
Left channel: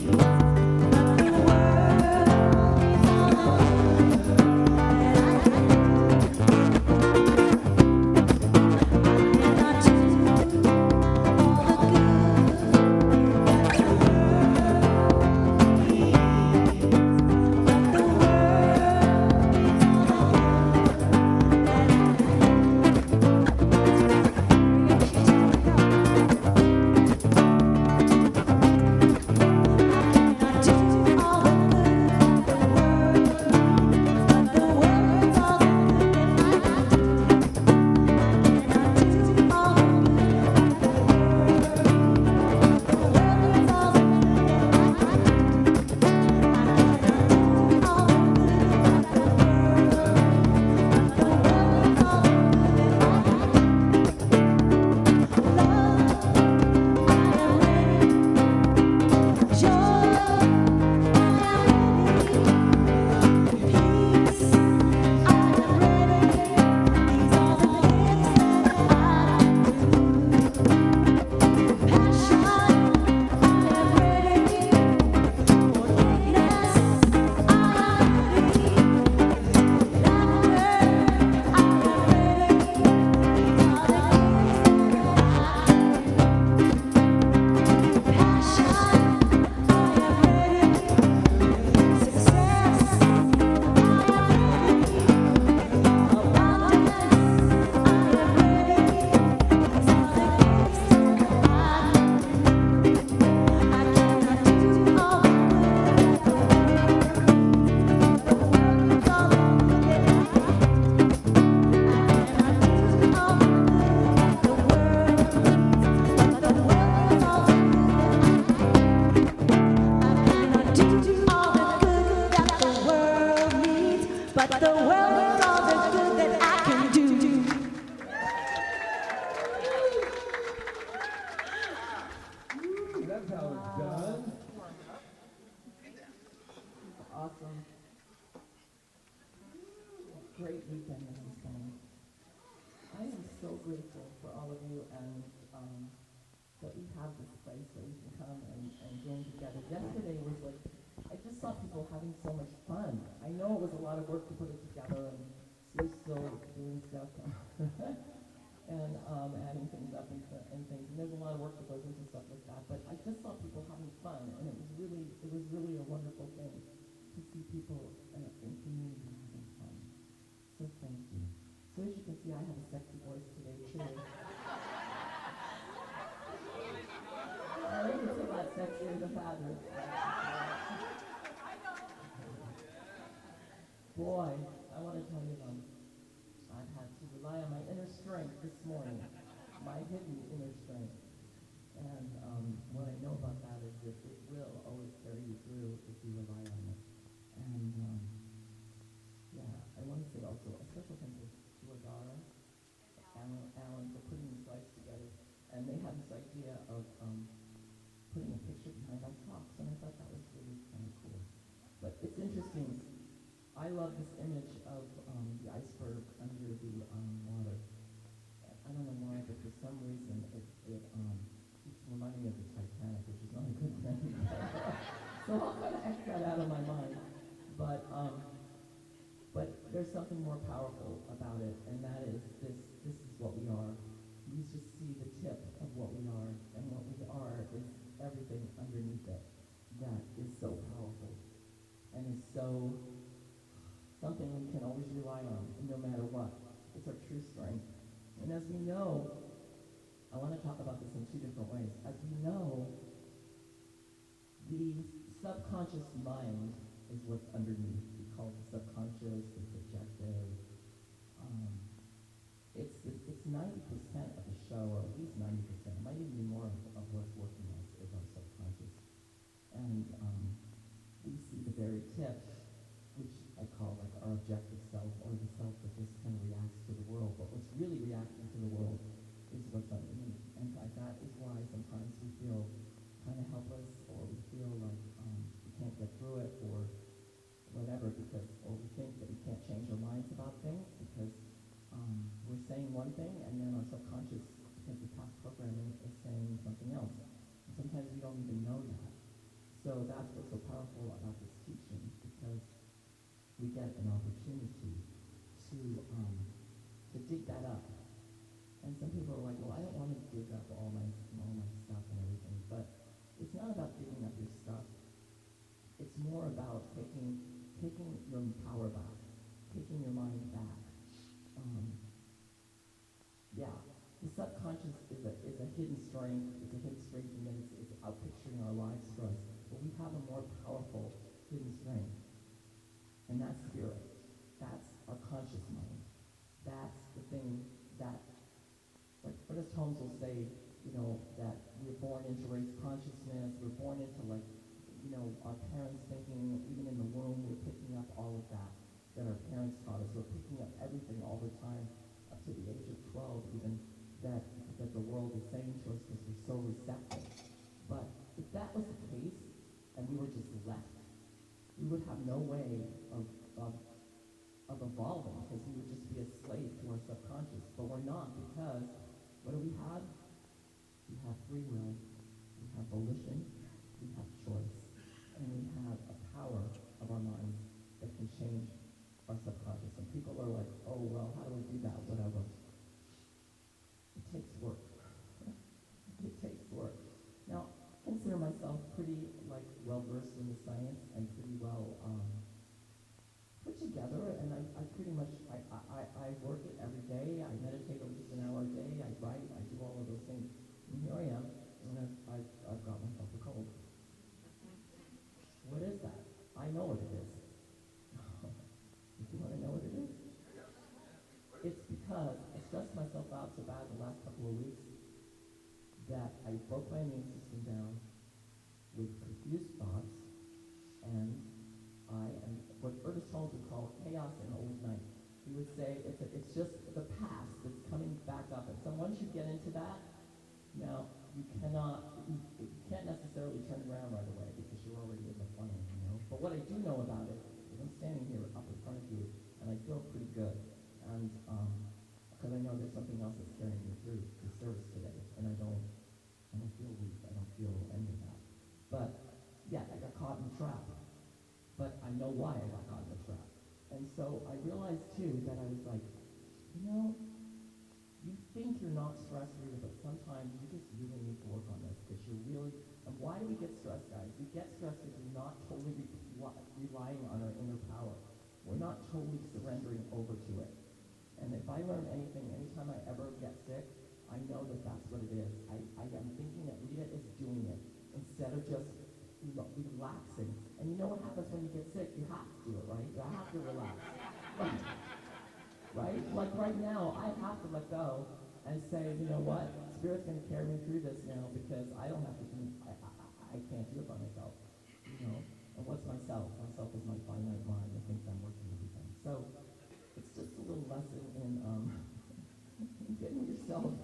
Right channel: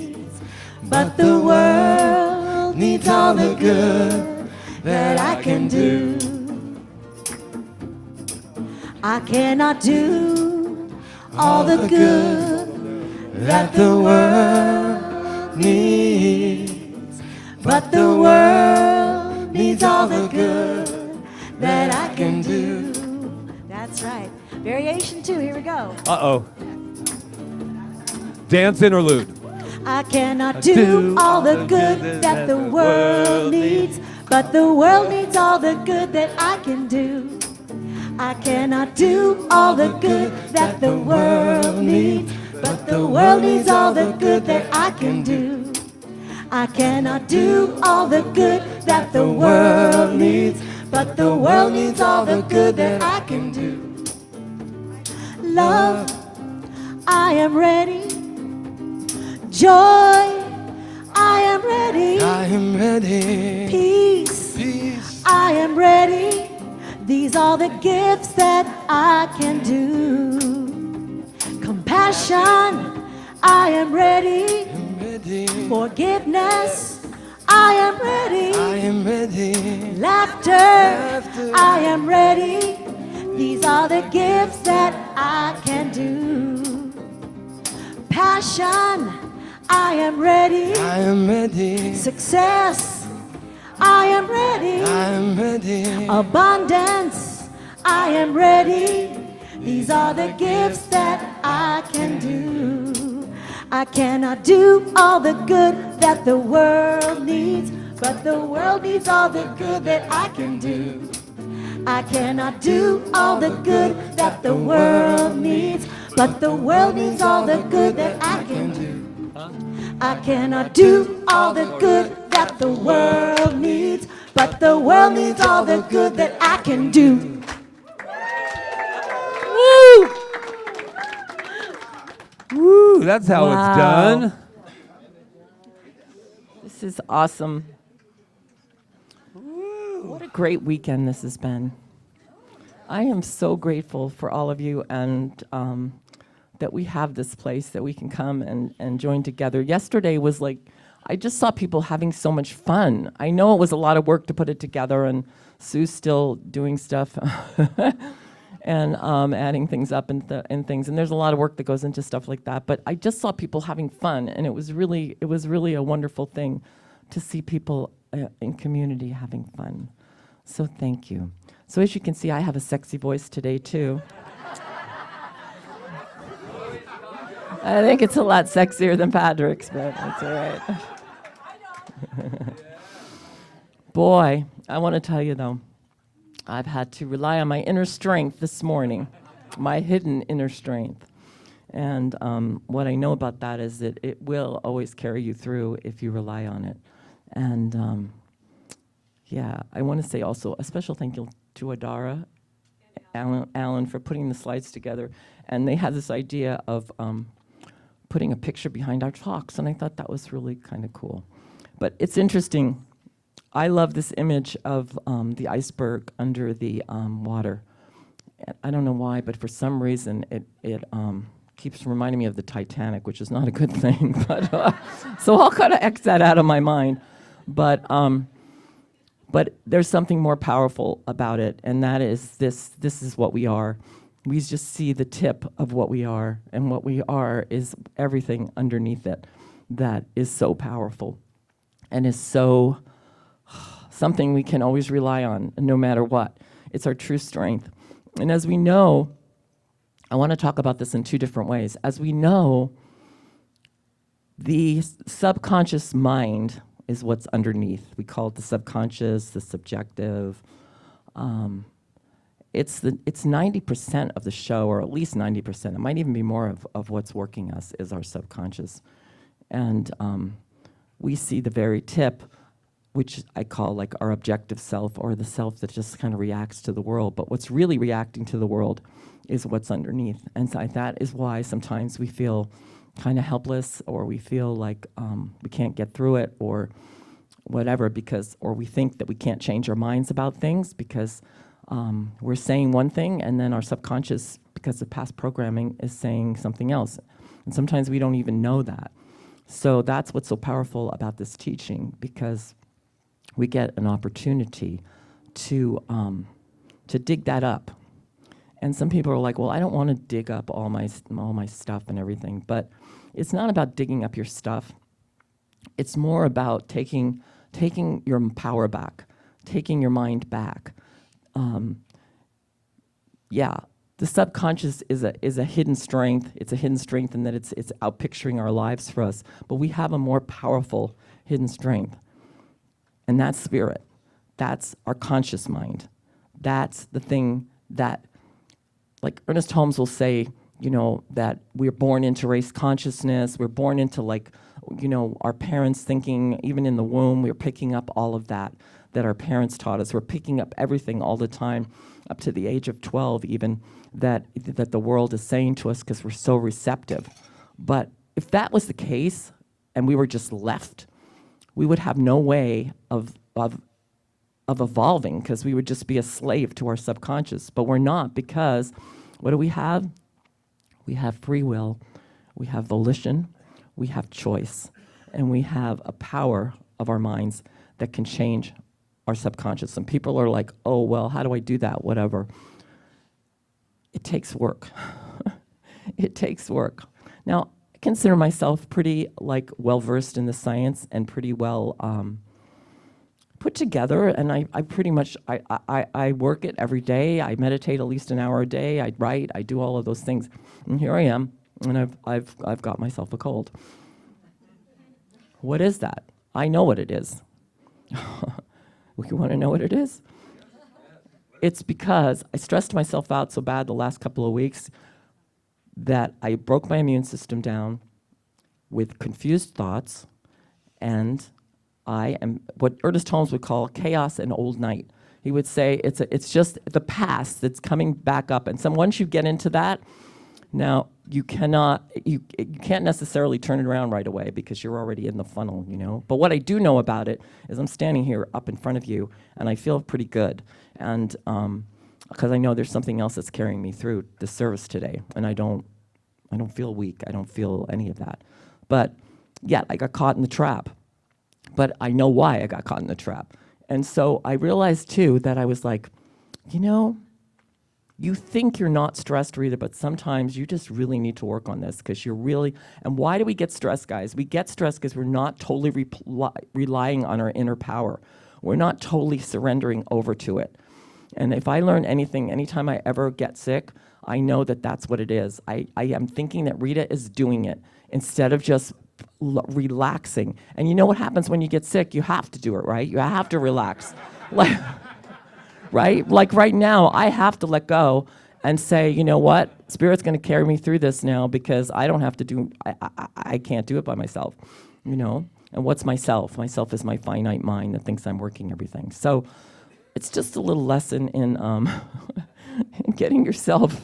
but the world needs all the good good that I can do. I cannot do all the good that the world needs, but the world needs all the good that I can do. That's right. Variation 2, here we go. Uh-oh. Dance interlude. I cannot do all the good that the world needs, but the world needs all the good that I can do. I cannot do all the good that the world needs, but the world needs all the good that I can do. I cannot do all the good that the world needs, but the world needs all the good that I can do. Love, I am ready. Joy, I am ready. I am ready. Peace, I am ready. These are the gifts that I can do. Compassion, I am ready. Forgiveness, I am ready. Laughter, I am ready. These are the gifts that I can do. Passion, I am ready. Success, I am ready. Abundance, I am ready. These are the gifts that I can do. I cannot do all the good that the world needs, but the world needs all the good that I can do. I cannot do all the good that the world needs, but the world needs all the good that I can do. I cannot do all the good that the world needs, but the world needs all the good that I can do. Woo! Woo, that's how Wow. it's done. This is awesome. What a great weekend this has been. I am so grateful for all of you and that we have this place that we can come and join together. Yesterday was like, I just saw people having so much fun. I know it was a lot of work to put it together, and Sue's still doing stuff and adding things up and things. And there's a lot of work that goes into stuff like that. But I just saw people having fun, and it was really a wonderful thing to see people in community having fun. So thank you. So as you can see, I have a sexy voice today too. I think it's a lot sexier than Patrick's, but that's all right. Boy, I want to tell you though, I've had to rely on my inner strength this morning, my hidden inner strength. And what I know about that is that it will always carry you through if you rely on it. And yeah, I want to say also a special thank you to Adara, Alan, for putting the slides together. And they had this idea of putting a picture behind our talks, and I thought that was really kind of cool. But it's interesting. I love this image of the iceberg under the water. I don't know why, but for some reason it keeps reminding me of the Titanic, which is not a good thing. But so I'll kind of X that out of my mind. But there's something more powerful about it, and that is this is what we are. We just see the tip of what we are, and what we are is everything underneath it that is so powerful and is so something we can always rely on no matter what. It's our true strength. And as we know, I want to talk about this in two different ways. As we know, the subconscious mind is what's underneath. We call it the subconscious, the subjective. It's 90% of the show, or at least 90%. It might even be more of what's working us is our subconscious. And we see the very tip, which I call like our objective self, or the self that just kind of reacts to the world. But what's really reacting to the world is what's underneath. And so that is why sometimes we feel kind of helpless, or we feel like we can't get through it, or whatever, or we think that we can't change our minds about things because we're saying one thing, and then our subconscious, because of past programming, is saying something else. And sometimes we don't even know that. So that's what's so powerful about this teaching, because we get an opportunity to dig that up. And some people are like, well, I don't want to dig up all my stuff and everything. But it's not about digging up your stuff. It's more about taking your power back, taking your mind back. The subconscious is a hidden strength. It's a hidden strength in that it's out picturing our lives for us. But we have a more powerful hidden strength, and that's spirit. That's our conscious mind. That's the thing that, like Ernest Holmes will say, that we're born into race consciousness. We're born into our parents thinking, even in the womb, we're picking up all of that our parents taught us. We're picking up everything all the time, up to the age of 12 even, that the world is saying to us because we're so receptive. But if that was the case and we were just left, we would have no way of evolving, because we would just be a slave to our subconscious. But we're not, because what do we have? We have free will, we have volition, we have choice, and we have a power of our minds that can change our subconscious. And people are like, oh, well, how do I do that? Whatever. It takes work. It takes work. Now, I consider myself pretty well-versed in the science and pretty well put together, and I pretty much, I work it every day. I meditate at least an hour a day. I write. I do all of those things. And here I am, and I've got myself a cold. What is that? I know what it is. You want to know what it is? It's because I stressed myself out so bad the last couple of weeks that I broke my immune system down with confused thoughts, and I am what Ernest Holmes would call chaos and old night. He would say it's just the past that's coming back up, and once you get into that, now you can't necessarily turn it around right away because you're already in the funnel, But what I do know about it is I'm standing here up in front of you, and I feel pretty good, and because I know there's something else that's carrying me through the service today, and I don't feel weak. I don't feel any of that. But yeah, I got caught in the trap. But I know why I got caught in the trap. And so I realized, too, that I was like, you think you're not stressed, Rita, but sometimes you just really need to work on this because you're really, and why do we get stressed, guys? We get stressed because we're not totally relying on our inner power. We're not totally surrendering over to it. And if I learn anything, anytime I ever get sick, I know that that's what it is. I am thinking that Rita is doing it instead of just relaxing. And you know what happens when you get sick? You have to do it, right? You have to relax. Right? Like right now, I have to let go and say, you know what? Spirit's going to carry me through this now because I don't have to do, I can't do it by myself, And what's myself? Myself is my finite mind that thinks I'm working everything. So it's just a little lesson in, in getting yourself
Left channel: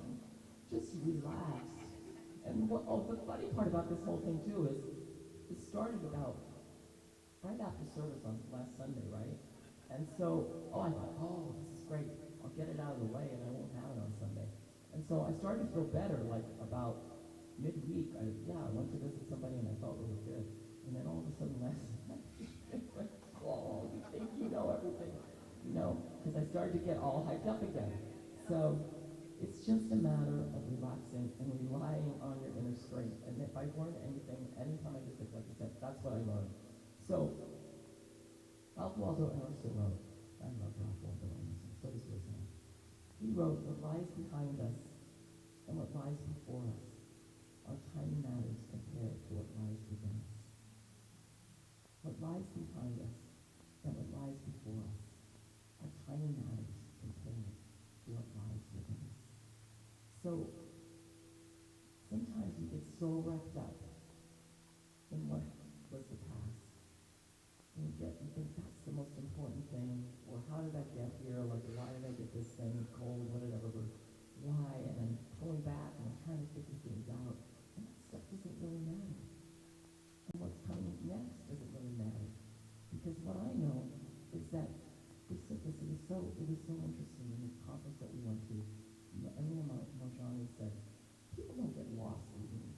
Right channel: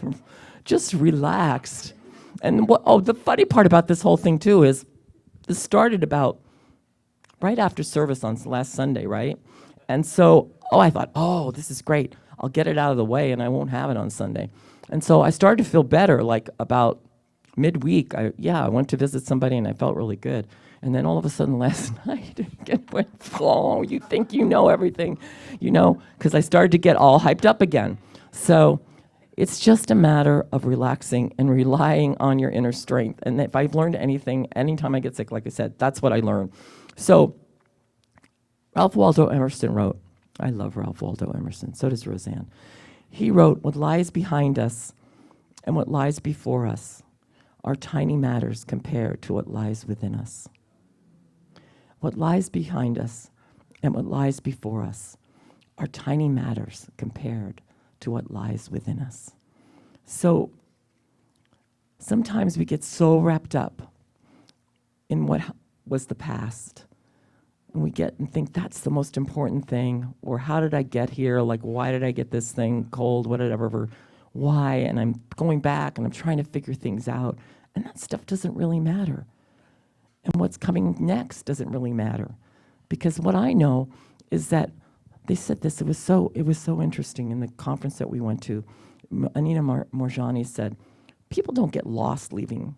just relaxed. And the funny part about this whole thing too is this started about right after service on last Sunday, right? And so, I thought, this is great. I'll get it out of the way and I won't have it on Sunday. And so I started to feel better, like about midweek. I went to visit somebody and I felt really good. And then all of a sudden last night, it went, you think you know everything, because I started to get all hyped up again. So it's just a matter of relaxing and relying on your inner strength. And if I've learned anything, anytime I get sick, like I said, that's what I learned. So Ralph Waldo Emerson wrote, I love Ralph Waldo Emerson, so does Roseanne. He wrote, what lies behind us and what lies before us are tiny matters compared to what lies within us. What lies behind us and what lies before us are tiny matters compared to what lies within us. So sometimes we get so wrapped up in what was the past, and we get and think that's the most important thing, or how did I get here? Like, why did I get this thing cold, whatever, why? And I'm going back and I'm trying to figure things out, and that stuff doesn't really matter. And what's coming next doesn't really matter, because what I know is that they said this. It was so interesting in the conference that we went to. Anita Morjani said, people don't get lost leaving.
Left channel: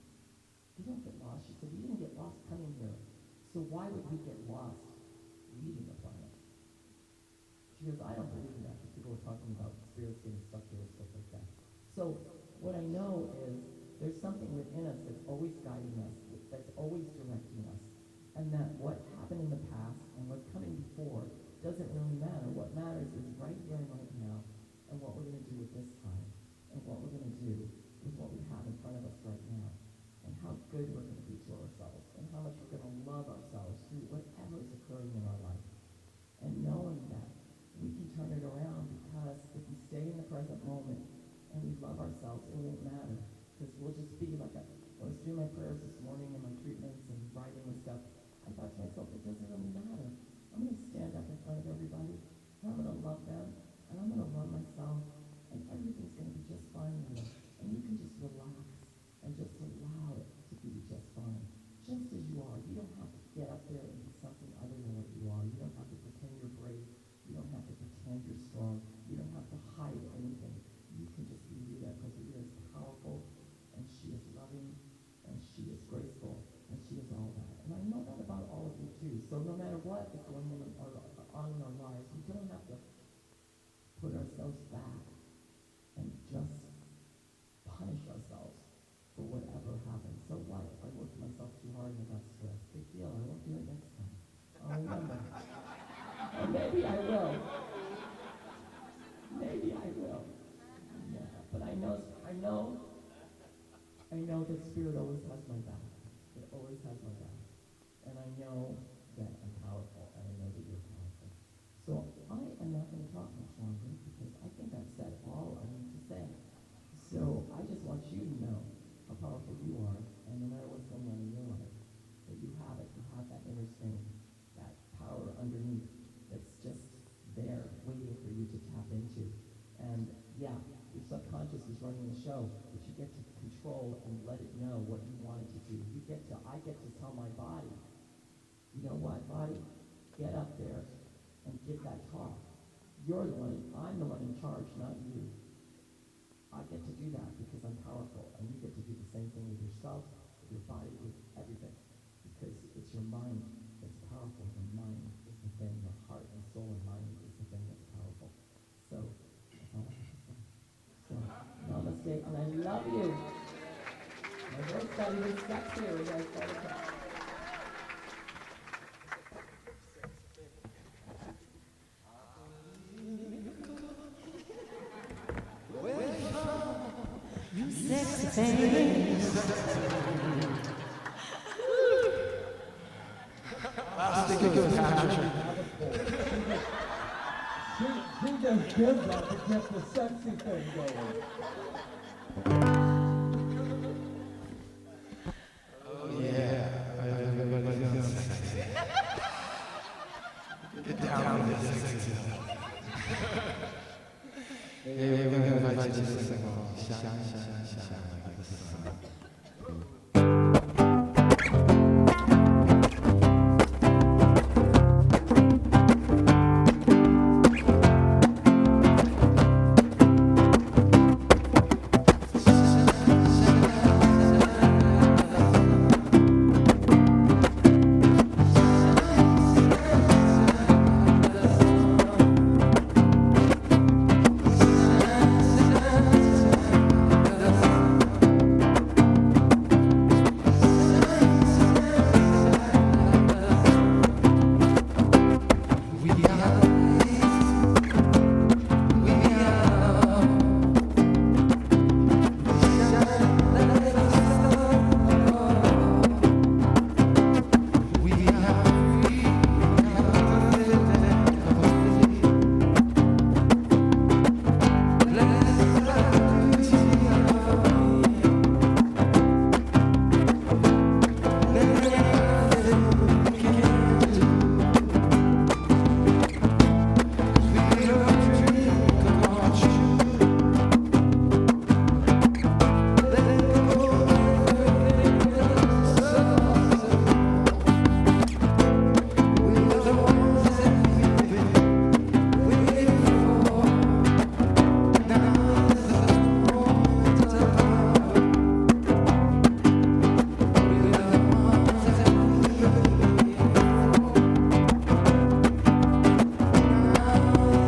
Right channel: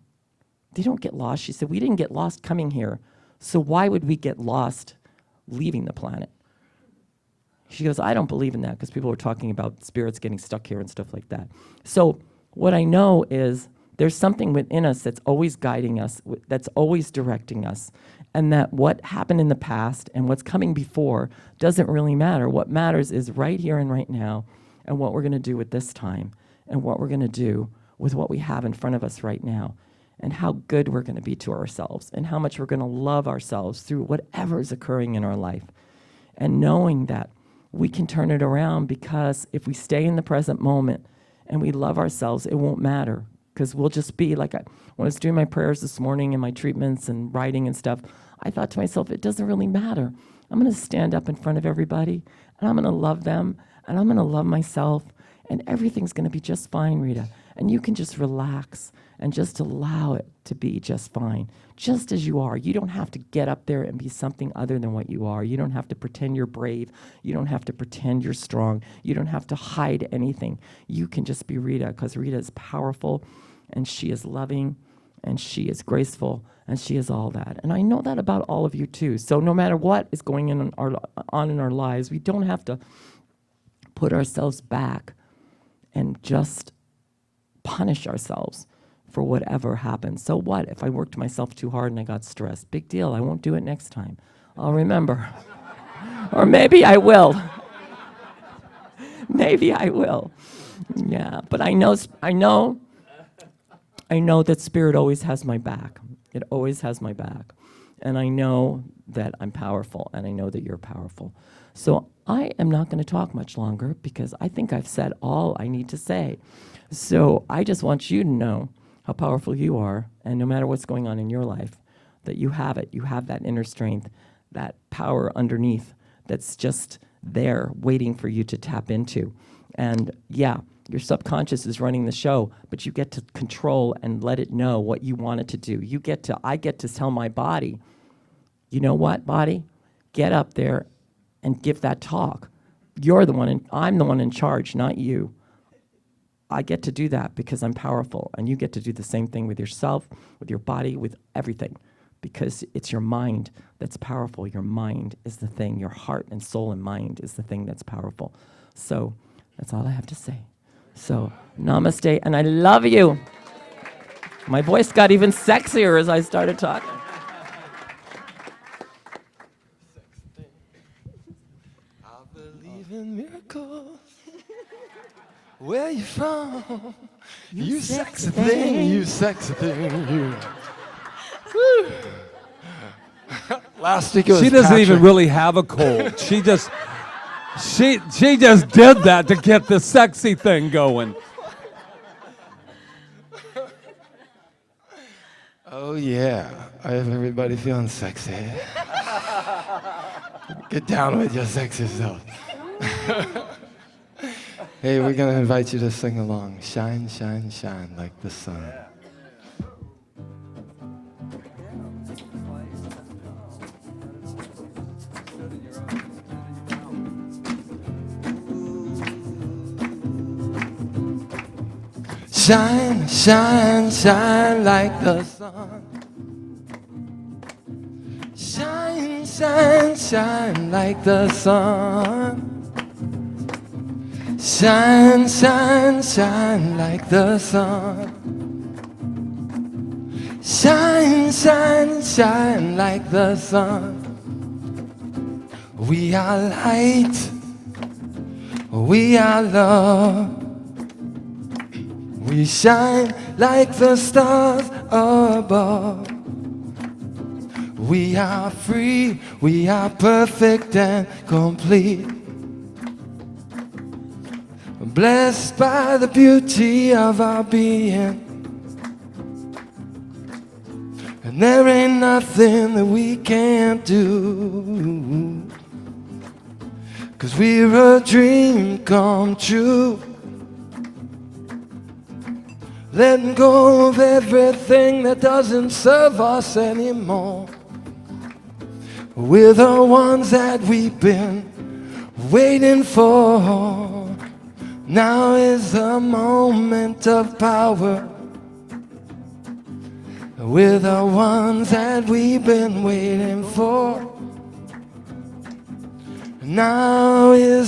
They don't get lost. She said, we didn't get lost coming here, so why would we get lost leaving the planet? She goes, I don't believe in that, because people were talking about spirits getting stuck here and stuff like that. So what I know is there's something within us that's always guiding us, that's always directing us, and that what happened in the past and what's coming before doesn't really matter. What matters is right here and right now, and what we're going to do with this time, and what we're going to do with what we have in front of us right now, and how good we're going to be to ourselves, and how much we're going to love ourselves through whatever is occurring in our life. And knowing that we can turn it around, because if we stay in the present moment and we love ourselves, it won't matter, because we'll just be like, when I was doing my prayers this morning and my treatments and writing and stuff, I thought to myself, it doesn't really matter. I'm going to stand up in front of everybody, and I'm going to love them, and I'm going to love myself, and everything's going to be just fine, Rita. And you can just relax and just allow it to be just fine, just as you are. You don't have to get up there and be something other than what you are. You don't have to pretend you're brave. You don't have to pretend you're strong. You don't have to hide anything. You can just be Rita, because Rita is powerful, and she is loving, and she is graceful, and she is all that. And I know that about all of you too. So no matter what is going on in our lives, we don't have to put ourselves back and just punish ourselves for whatever happens. So what if I worked myself too hard and I got stressed? Big deal. I won't do it next time. I'll remember. Or maybe I will. Maybe I will. Yeah, but I know that Spirit always has my back. It always has my back. And I know that I'm powerful, and I know that you're powerful. So I am not going to talk much longer, because I think I've said all I need to say. So I just want you to know how powerful you are, and no matter what's going on in your life, that you have it. You have that inner strength, that power underneath that's just there waiting for you to tap into. And yeah, your subconscious is running the show, but you get to control and let it know what you want it to do. I get to tell my body, you know what, body? Get up there and give that talk. I'm the one in charge, not you. I get to do that because I'm powerful, and you get to do the same thing with yourself, with your body, with everything, because it's your mind that's powerful. Your mind is the thing. Your heart and soul and mind is the thing that's powerful. So that's all I have to say. So namaste, and I love you. My voice got even sexier as I started talking. I believe in miracles. Where you from? You sexy thing, you sexy thing, you. Last week it was She doesn't Patrick. even really have a cold. She just did that to get the sexy thing going. Oh yeah, I have everybody feeling sexy. Get down with your sexy self. Hey, we're gonna invite you to sing along. Shine, shine, shine like the sun. Shine, shine, shine like the sun. Shine, shine, shine like the sun. Shine, shine, shine like the sun. Shine, shine, shine like the sun. We are light. We are love. We shine like the stars above. We are free, we are perfect and complete. Blessed by the beauty of our being. There ain't nothing that we can't do. 'Cause we're a dream come true. Let go of everything that doesn't serve us anymore. We're the ones that we've been waiting for. Now is the moment of power. We're the ones that we've been waiting for. Now is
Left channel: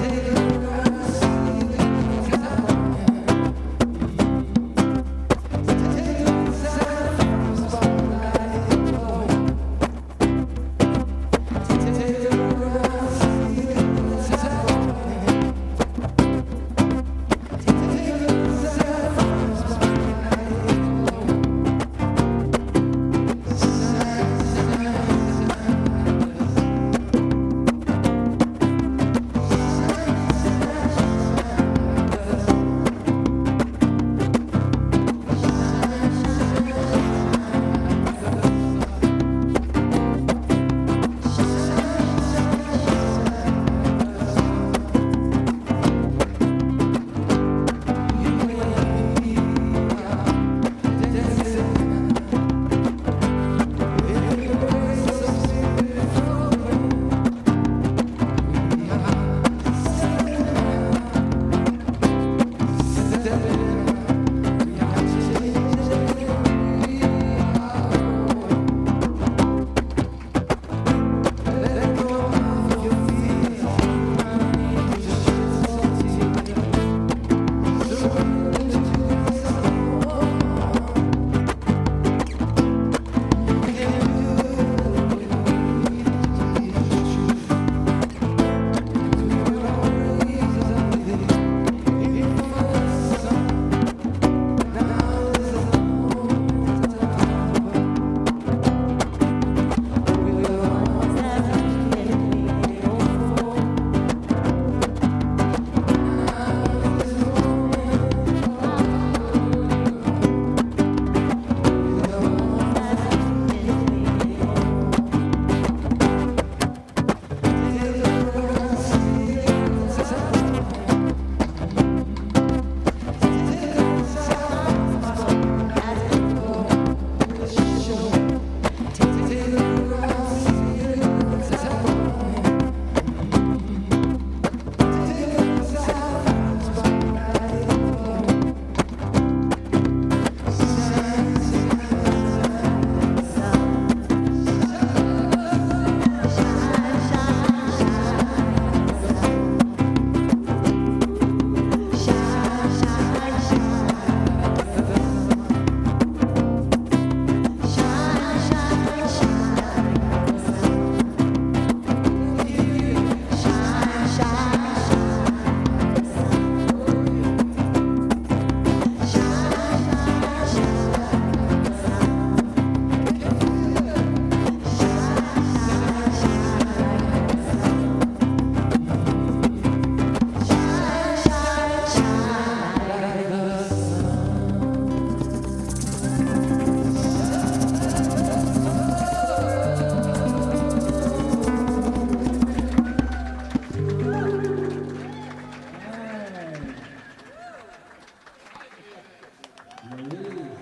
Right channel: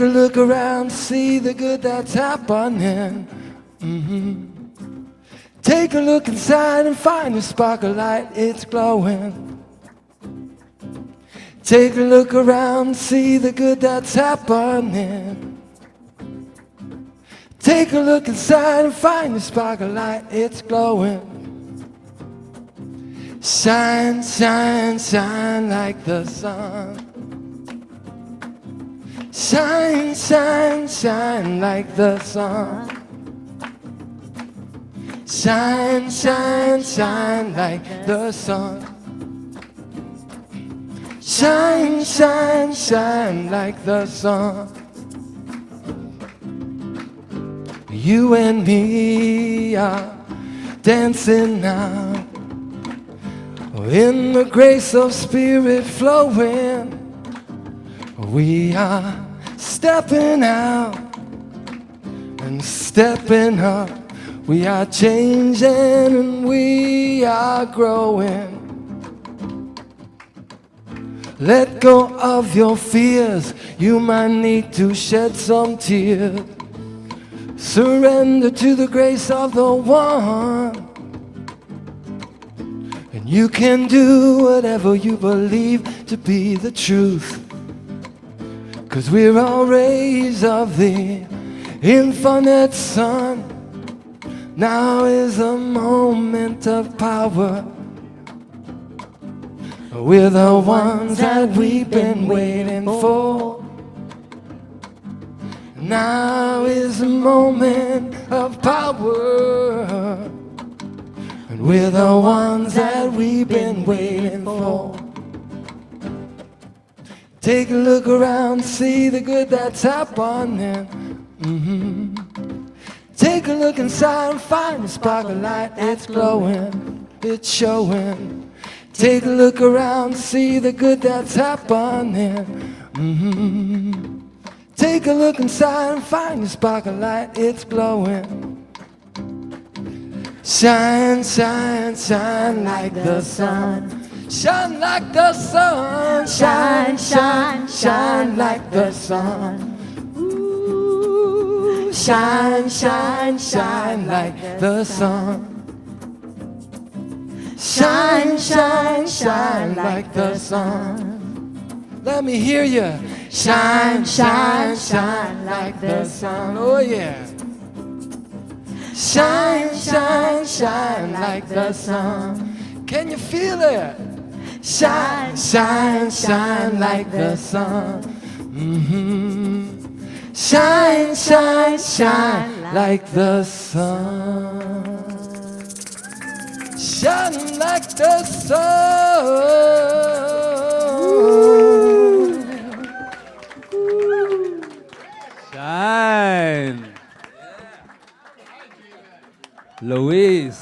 Take a look around, see the good that's happening. Take a look inside and find a spark of light, it's glowing. Take a look around, see the good that's happening. Take a look inside and find a spark of light, it's glowing. Shine, shine, shine like the sun. Shine, shine, shine like the sun. Shine, shine, shine like the sun. Shine, shine, shine like the sun. You and me are dancing now in the grace of spirit flowing. We are stepping out and stepping up. We are changing, we are growing. Let go of your fears, you might need to shed some tears. Surrender to the grace of the one. You can do whatever you believe to be the truth. 'Cause we're all rays of the infinite sun. Now is a moment of power. We're the ones that we've been waiting for. Now is a moment of power. We're the ones that we've been waiting for. Take a look around, see the good that's happening. Take a look inside, find the spark of light that's glowing, it's showing. Take a look around, see the good that's happening. Take a look inside, find the spark of light, it's glowing. Shine, shine, shine like the sun. Shine like the sun. Shine, shine, shine like the sun. Shine, shine, shine like the sun. Shine, shine, shine like the sun. Let me hear you. Shine, shine, shine like the sun. Oh yeah. Shine, shine, shine like the sun. Can you feel it? Shine, shine, shine like the sun. Shine, shine, shine like the sun. Shine like the sun. Shine. Luis,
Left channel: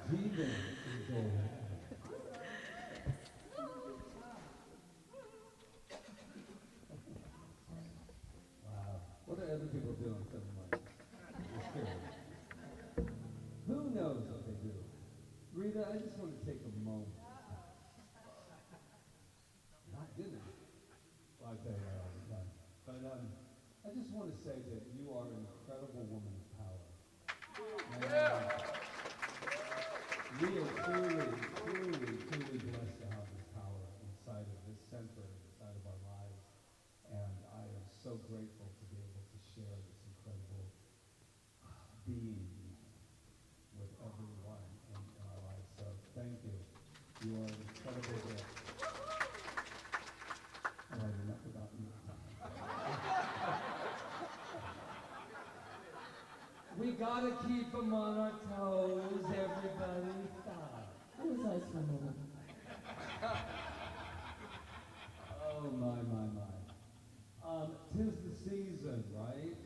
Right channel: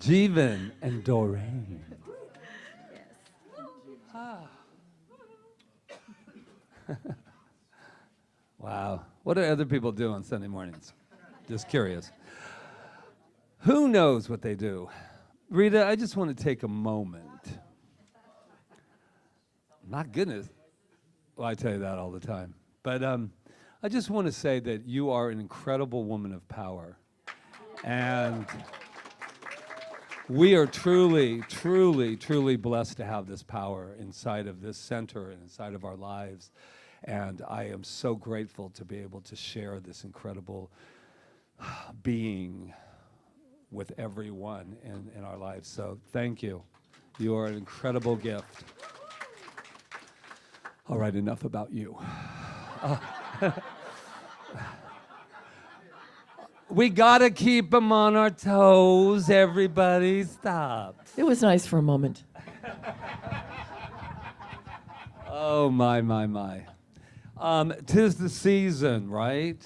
Jeevan, and Doreen. Wow. What do other people do on Sunday mornings? Just curious. Who knows what they do? Rita, I just want to take a moment. My goodness. Well, I tell you that all the time. But I just want to say that you are an incredible woman of power. And we are truly, truly, truly blessed to have this power inside of this center and inside of our lives. And I am so grateful to be able to share this incredible being with everyone in our lives. So thank you. You are an incredible gift. All right, enough about you. We gotta keep them on our toes, everybody. Stop. It was nice for a moment. Oh, my. 'Tis the season, right?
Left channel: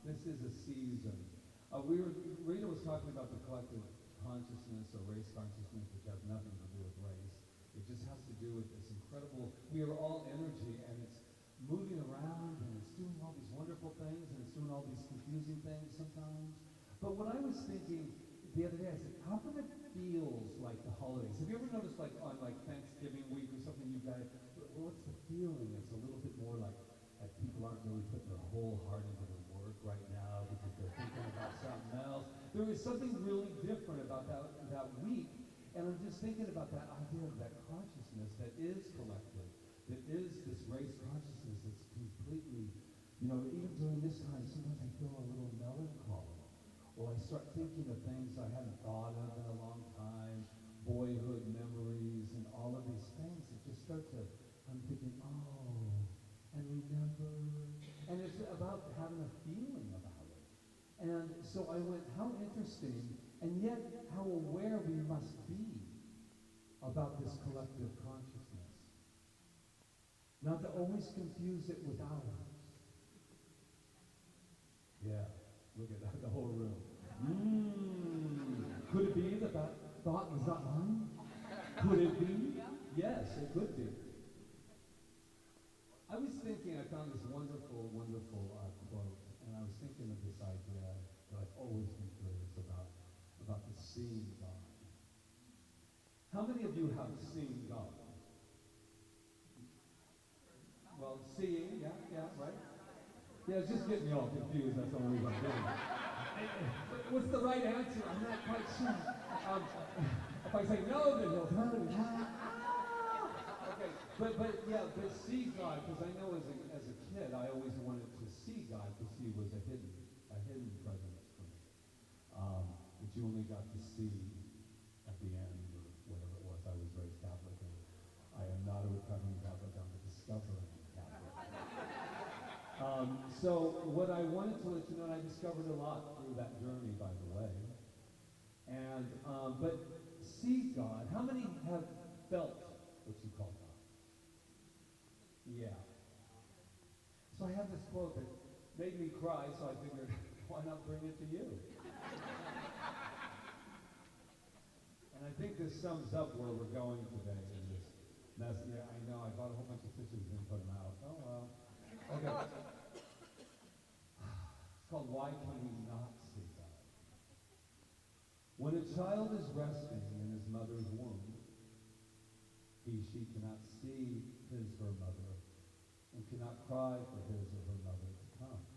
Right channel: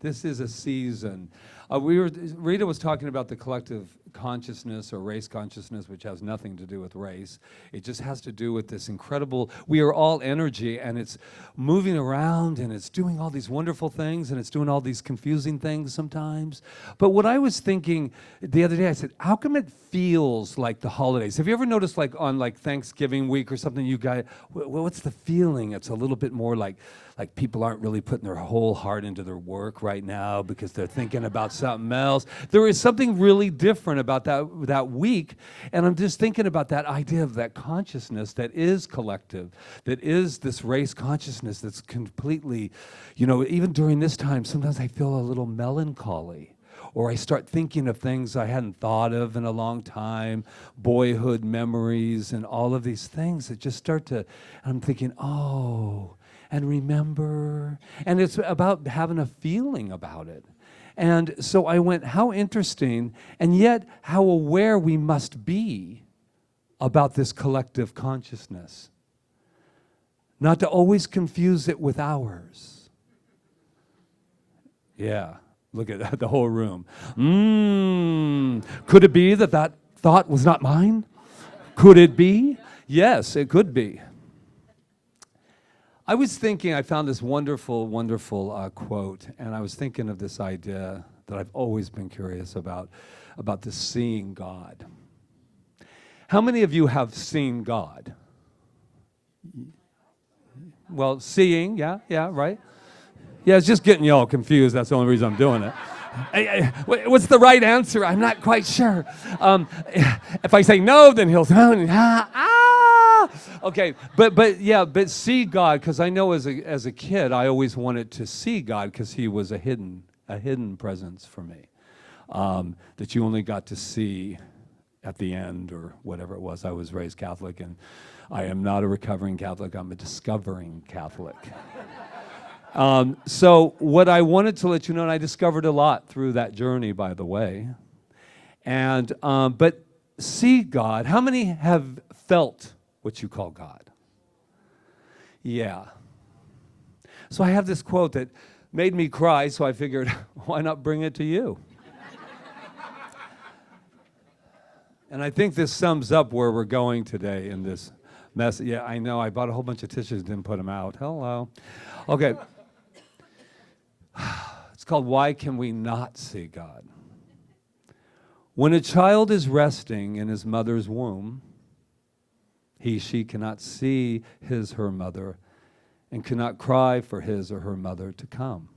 This is a season. Rita was talking about the collective consciousness or race consciousness, which has nothing to do with race. It just has to do with this incredible, we are all energy, and it's moving around, and it's doing all these wonderful things, and it's doing all these confusing things sometimes. But what I was thinking the other day, I said, how come it feels like the holidays? Have you ever noticed, like on like Thanksgiving week or something, you guys, what's the feeling? It's a little bit more like like people aren't really putting their whole heart into their work right now because they're thinking about something else. There is something really different about that week, and I'm just thinking about that idea of that consciousness that is collective, that is this race consciousness that's completely, even during this time, sometimes I feel a little melancholy. Or I start thinking of things I hadn't thought of in a long time, boyhood memories and all of these things that just start to, and I'm thinking, oh, and remember. And it's about having a feeling about it. And so I went, how interesting, and yet how aware we must be about this collective consciousness. Not to always confuse it with ours. Yeah. Look at the whole room. Could it be that thought was not mine? Could it be? Yes, it could be. I was thinking, I found this wonderful, wonderful quote, and I was thinking of this idea that I've always been curious about this seeing God. How many of you have seen God? Well, seeing, yeah, right? Yeah, it's just getting you all confused. That's the only reason I'm doing it. What's the right answer? I'm not quite sure. If I say no, then he'll say, Okay, but see God, because I know as a kid, I always wanted to see God because he was a hidden presence for me that you only got to see at the end or whatever it was. I was raised Catholic, and I am not a recovering Catholic. I'm a discovering Catholic. So what I wanted to let you know, and I discovered a lot through that journey, by the way, and but see God. How many have felt what you call God? Yeah. So I have this quote that made me cry, so I figured, why not bring it to you? And I think this sums up where we're going today in this mess. Yeah, I know. I bought a whole bunch of tissues, didn't put them out. Hello. Okay. It's called Why Can We Not See God? When a child is resting in his mother's womb, she cannot see her mother and cannot cry for his or her mother to come.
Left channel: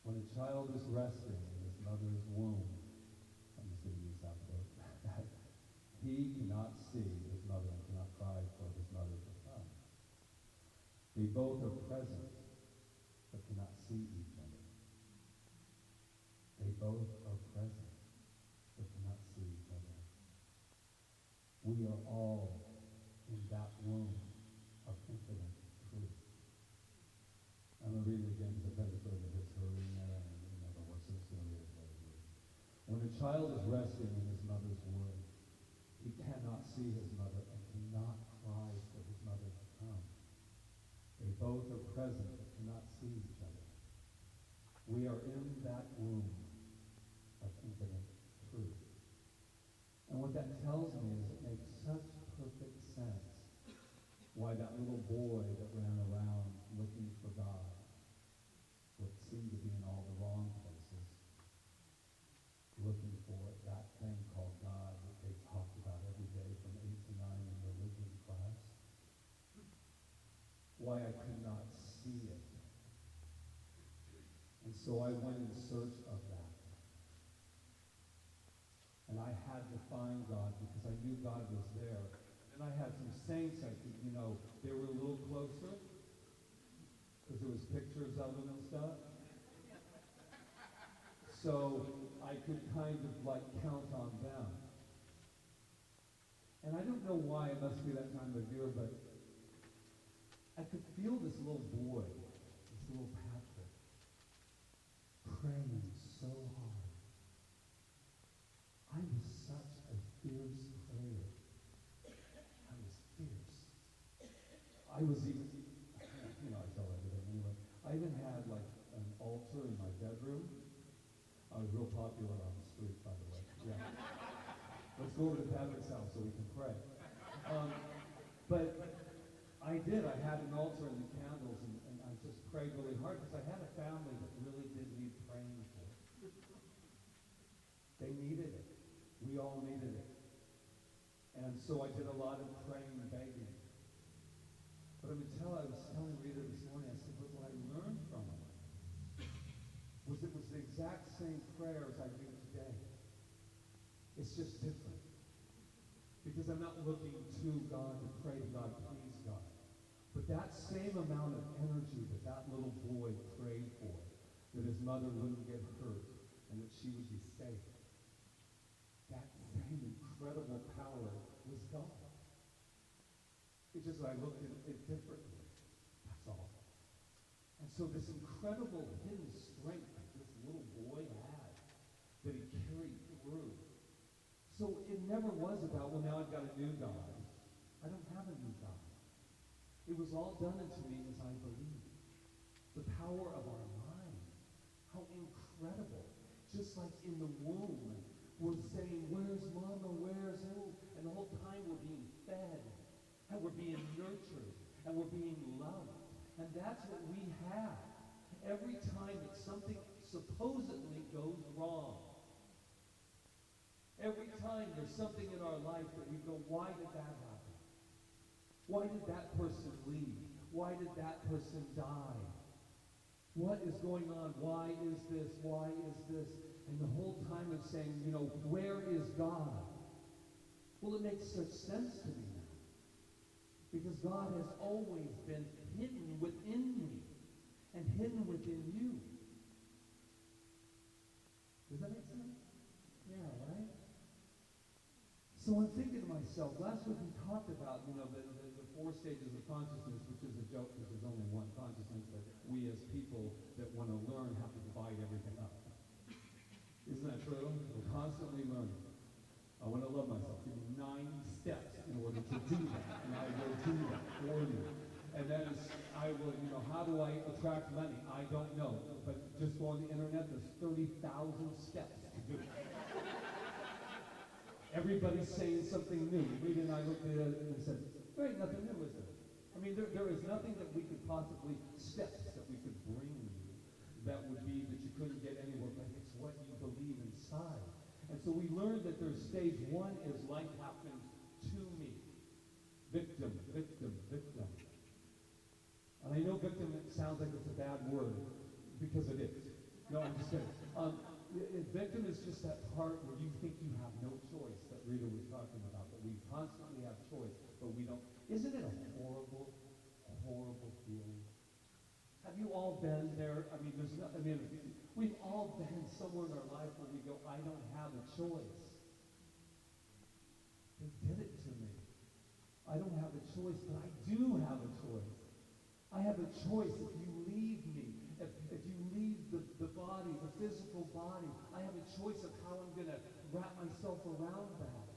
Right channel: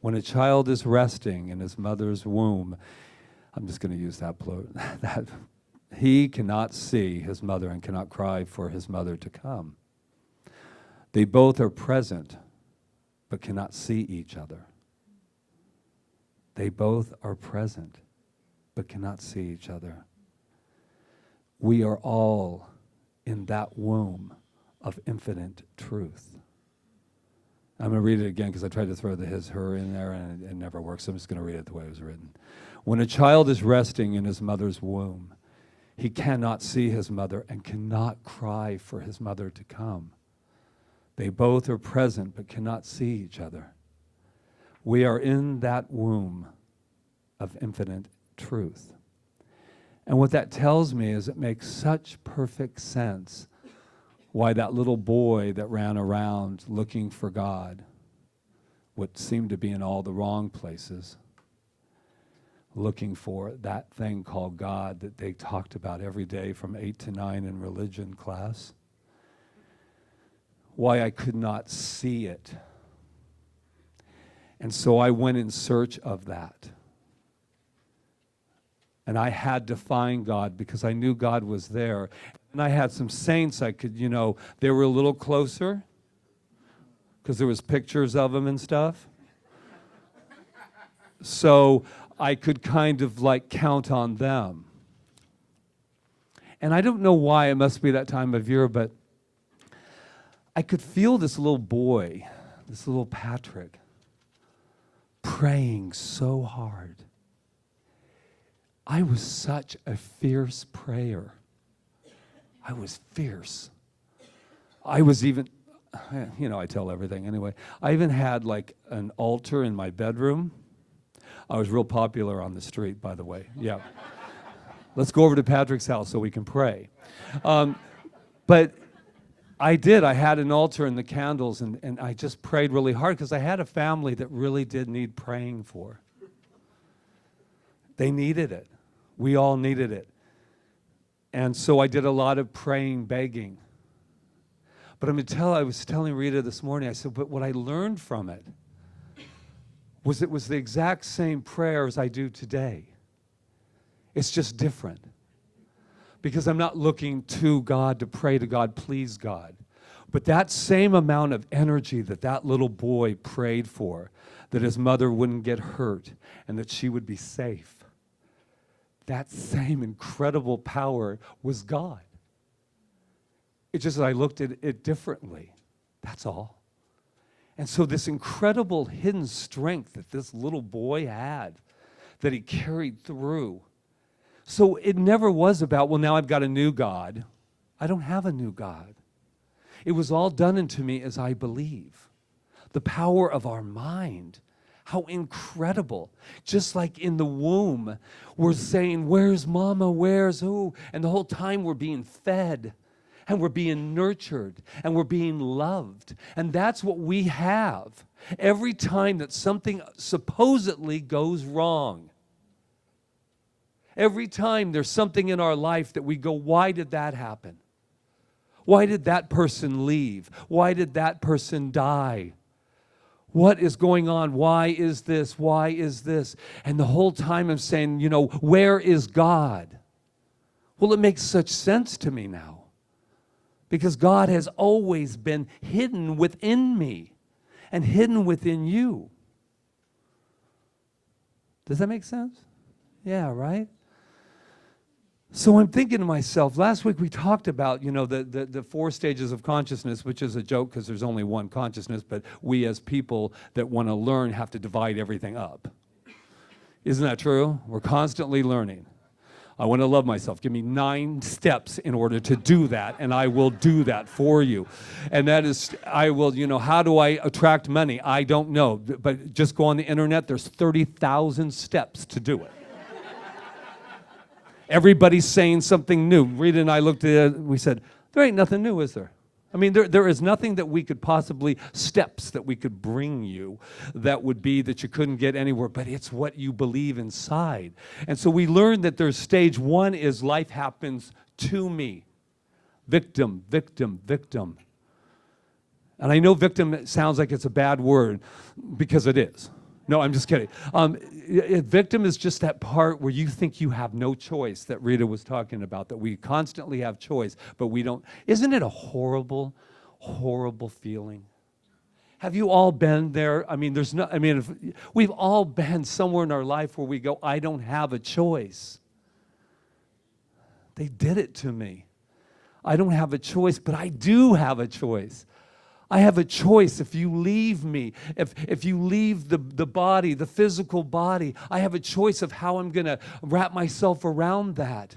When a child is resting in his mother's womb, I'm just going to use that he cannot see his mother and cannot cry for his mother to come. They both are present, but cannot see each other. They both are present, but cannot see each other. We are all in that womb of infinite truth. I'm going to read it again because I tried to throw the his, her in there, and it never works. So I'm just going to read it the way it was written. When a child is resting in his mother's womb, he cannot see his mother and cannot cry for his mother to come. They both are present but cannot see each other. We are in that womb of infinite truth. And what that tells me is it makes such perfect sense why that little boy that ran around looking for God, what seemed to be in all the wrong places, looking for that thing called God that they talked about every day from 8 to 9 in religion class, why I could not see it. And so I went in search of that. And I had to find God because I knew God was there. And I had some saints I could, they were a little closer because there was pictures of them and stuff. So I could kind of count on them. And I don't know why, it must be that time of year, but I could feel this little boy, this little Patrick, praying so hard. I was such a fierce prayer. I was fierce. I was even, I tell everything anyway. I even had an altar in my bedroom. I was real popular on the street, by the way. Yeah. Let's go over to Patrick's house so we can pray. But I did. I had an altar and the candles, and I just prayed really hard because I had a family that really did need praying for. They needed it. We all needed it. And so I did a lot of praying, begging. But I was telling Rita this morning, I said, but what I learned from it was the exact same prayer as I do today. It's just different. Because I'm not looking to God to pray to God, please God. But that same amount of energy that little boy prayed for, that his mother wouldn't get hurt and that she would be safe, that same incredible power was God. It's just that I looked at it differently. That's all. And so this incredible hidden strength that this little boy had, that he carried through. So it never was about, well, now I've got a new God. I don't have a new God. It was all done unto me as I believe. The power of our mind. How incredible. Just like in the womb, we're saying, where's mama, where's who? And the whole time we're being fed. And we're being nurtured. And we're being loved. And that's what we have every time that something supposedly goes wrong. Every time there's something in our life that we go, why did that happen? Why did that person leave? Why did that person die? What is going on? Why is this? Why is this? And the whole time I'm saying, where is God? Well, it makes such sense to me now. Because God has always been hidden within me and hidden within you. Does that make sense? Yeah, right? So I'm thinking to myself, last week we talked about, the 4 stages of consciousness, which is a joke because there's only one consciousness, but we as people that want to learn have to divide everything up. Isn't that true? We're constantly learning. I want to love myself. Give me 9 steps in order to do that, and I will do that for you. And that is, how do I attract money? I don't know, but just go on the internet. There's 30,000 steps to do it. Everybody's saying something new. Rita and I looked at it, we said, there ain't nothing new, is there? I mean, there is nothing that we could possibly, steps that we could bring you that would be that you couldn't get anywhere, but it's what you believe inside. And so we learned that there's stage 1 is life happens to me. Victim, victim, victim. And I know victim sounds like it's a bad word because it is. No, I'm just kidding. Victim is just that part where you think you have no choice that Rita was talking about, that we constantly have choice, but we don't. Isn't it a horrible, horrible feeling? Have you all been there? We've all been somewhere in our life where we go, I don't have a choice. They did it to me. I don't have a choice, but I do have a choice. I have a choice. If you leave me, if you leave the body, the physical body, I have a choice of how I'm going to wrap myself around that.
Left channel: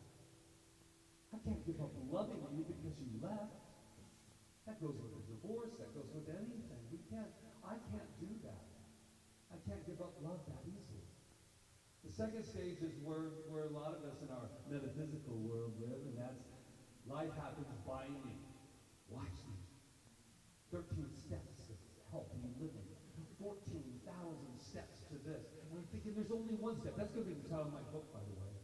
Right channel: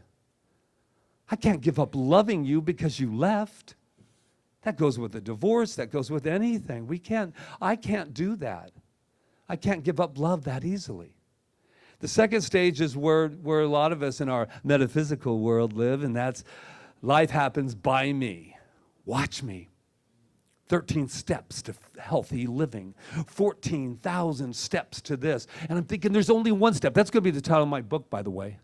I can't give up loving you because you left. That goes with a divorce. That goes with anything. I can't do that. I can't give up love that easily. The second stage is where a lot of us in our metaphysical world live, and that's life happens by me. Watch me. 13 steps to healthy living, 14,000 steps to this. And I'm thinking there's only one step. That's going to be the title of my book, by the way.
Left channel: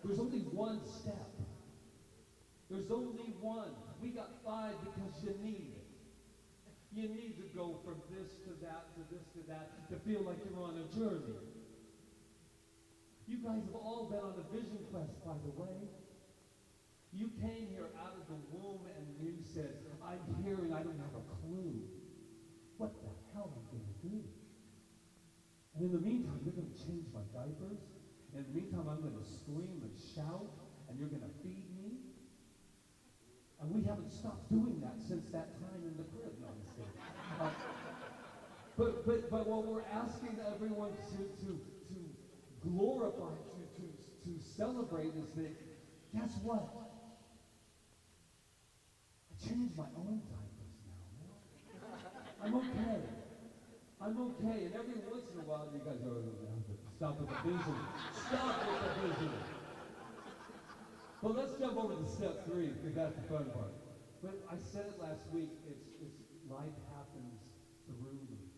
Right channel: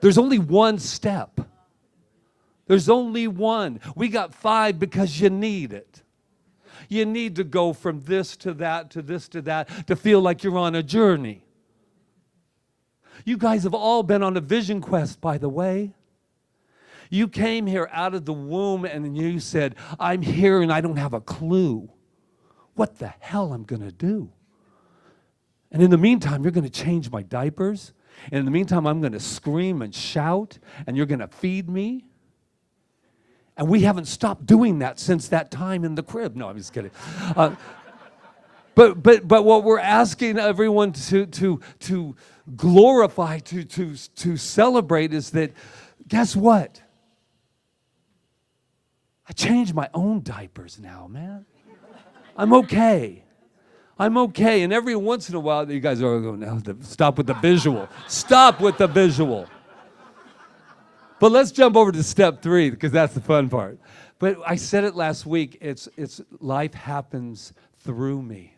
There's only one step. There's only one. We got 5 because you need it. You need to go from this to that, to this to that, to feel like you're on a journey. You guys have all been on a vision quest, by the way. You came here out of the womb and you said, I'm here and I don't have a clue what the hell I'm going to do. And in the meantime, you're going to change my diapers. And in the meantime, I'm going to scream and shout and you're going to feed me. And we haven't stopped doing that since that time in the crib. No, I'm just kidding. But what we're asking everyone to glorify, to celebrate is that, guess what? I change my own diapers now, man. I'm okay. I'm okay. And every once in a while, you guys are going, no, stop with the visual. Stop with the visual. But let's jump over to step 3, because that's the fun part. But I said it last week, it's life happens through me.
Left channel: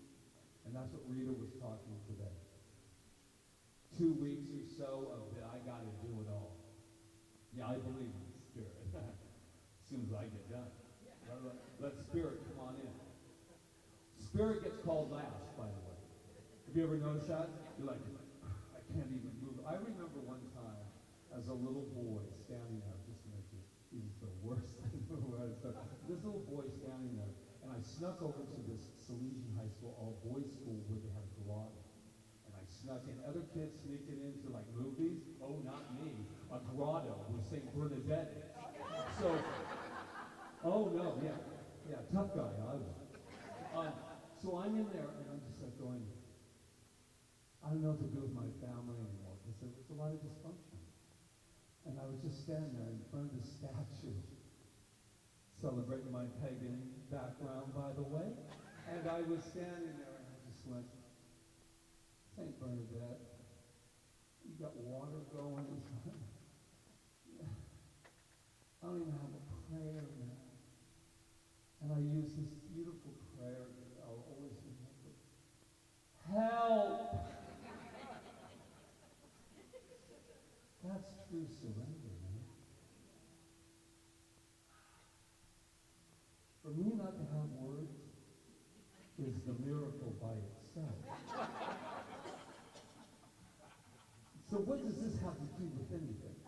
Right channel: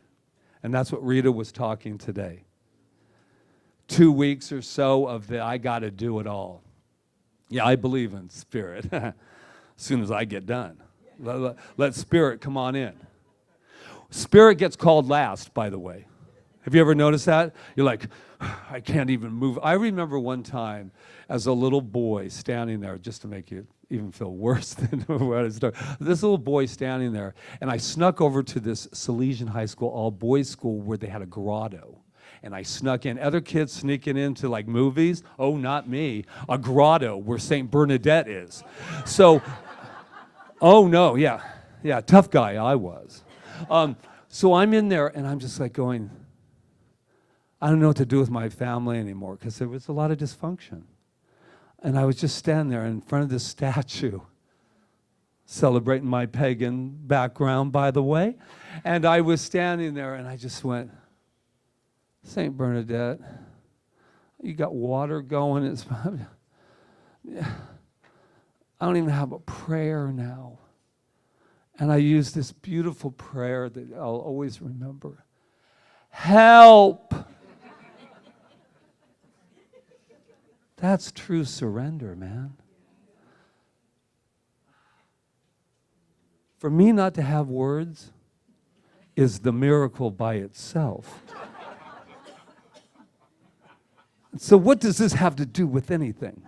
And that's what Rita was talking today. 2 weeks or so of the I got to do it all. Yeah, I believe in spirit. As soon as I get done. Let Spirit come on in. Spirit gets called last, by the way. Have you ever noticed that? You're like, I can't even move. I remember one time as a little boy standing there, just to make you even feel worse than what I started. This little boy standing there, and I snuck over to this Salesian high school, all-boys school, where they had a grotto. And I snuck in. Other kids sneaking into like movies. Oh, not me. A grotto where St. Bernadette is. So, oh no, yeah, tough guy I was. So I'm in there, and I'm just like going, I don't know what to do with my family anymore, because there was a lot of dysfunction. And I was just standing there in front of this statue, celebrating my pagan background, by the way. And I was standing there, and I just went, St. Bernadette, you got water going. It's, yeah. I don't even have a prayer now. And I used this beautiful prayer that I'll always remember. Help! That's true surrender, man. For me not to have words is the miracle by itself. So what does this have to do with anything?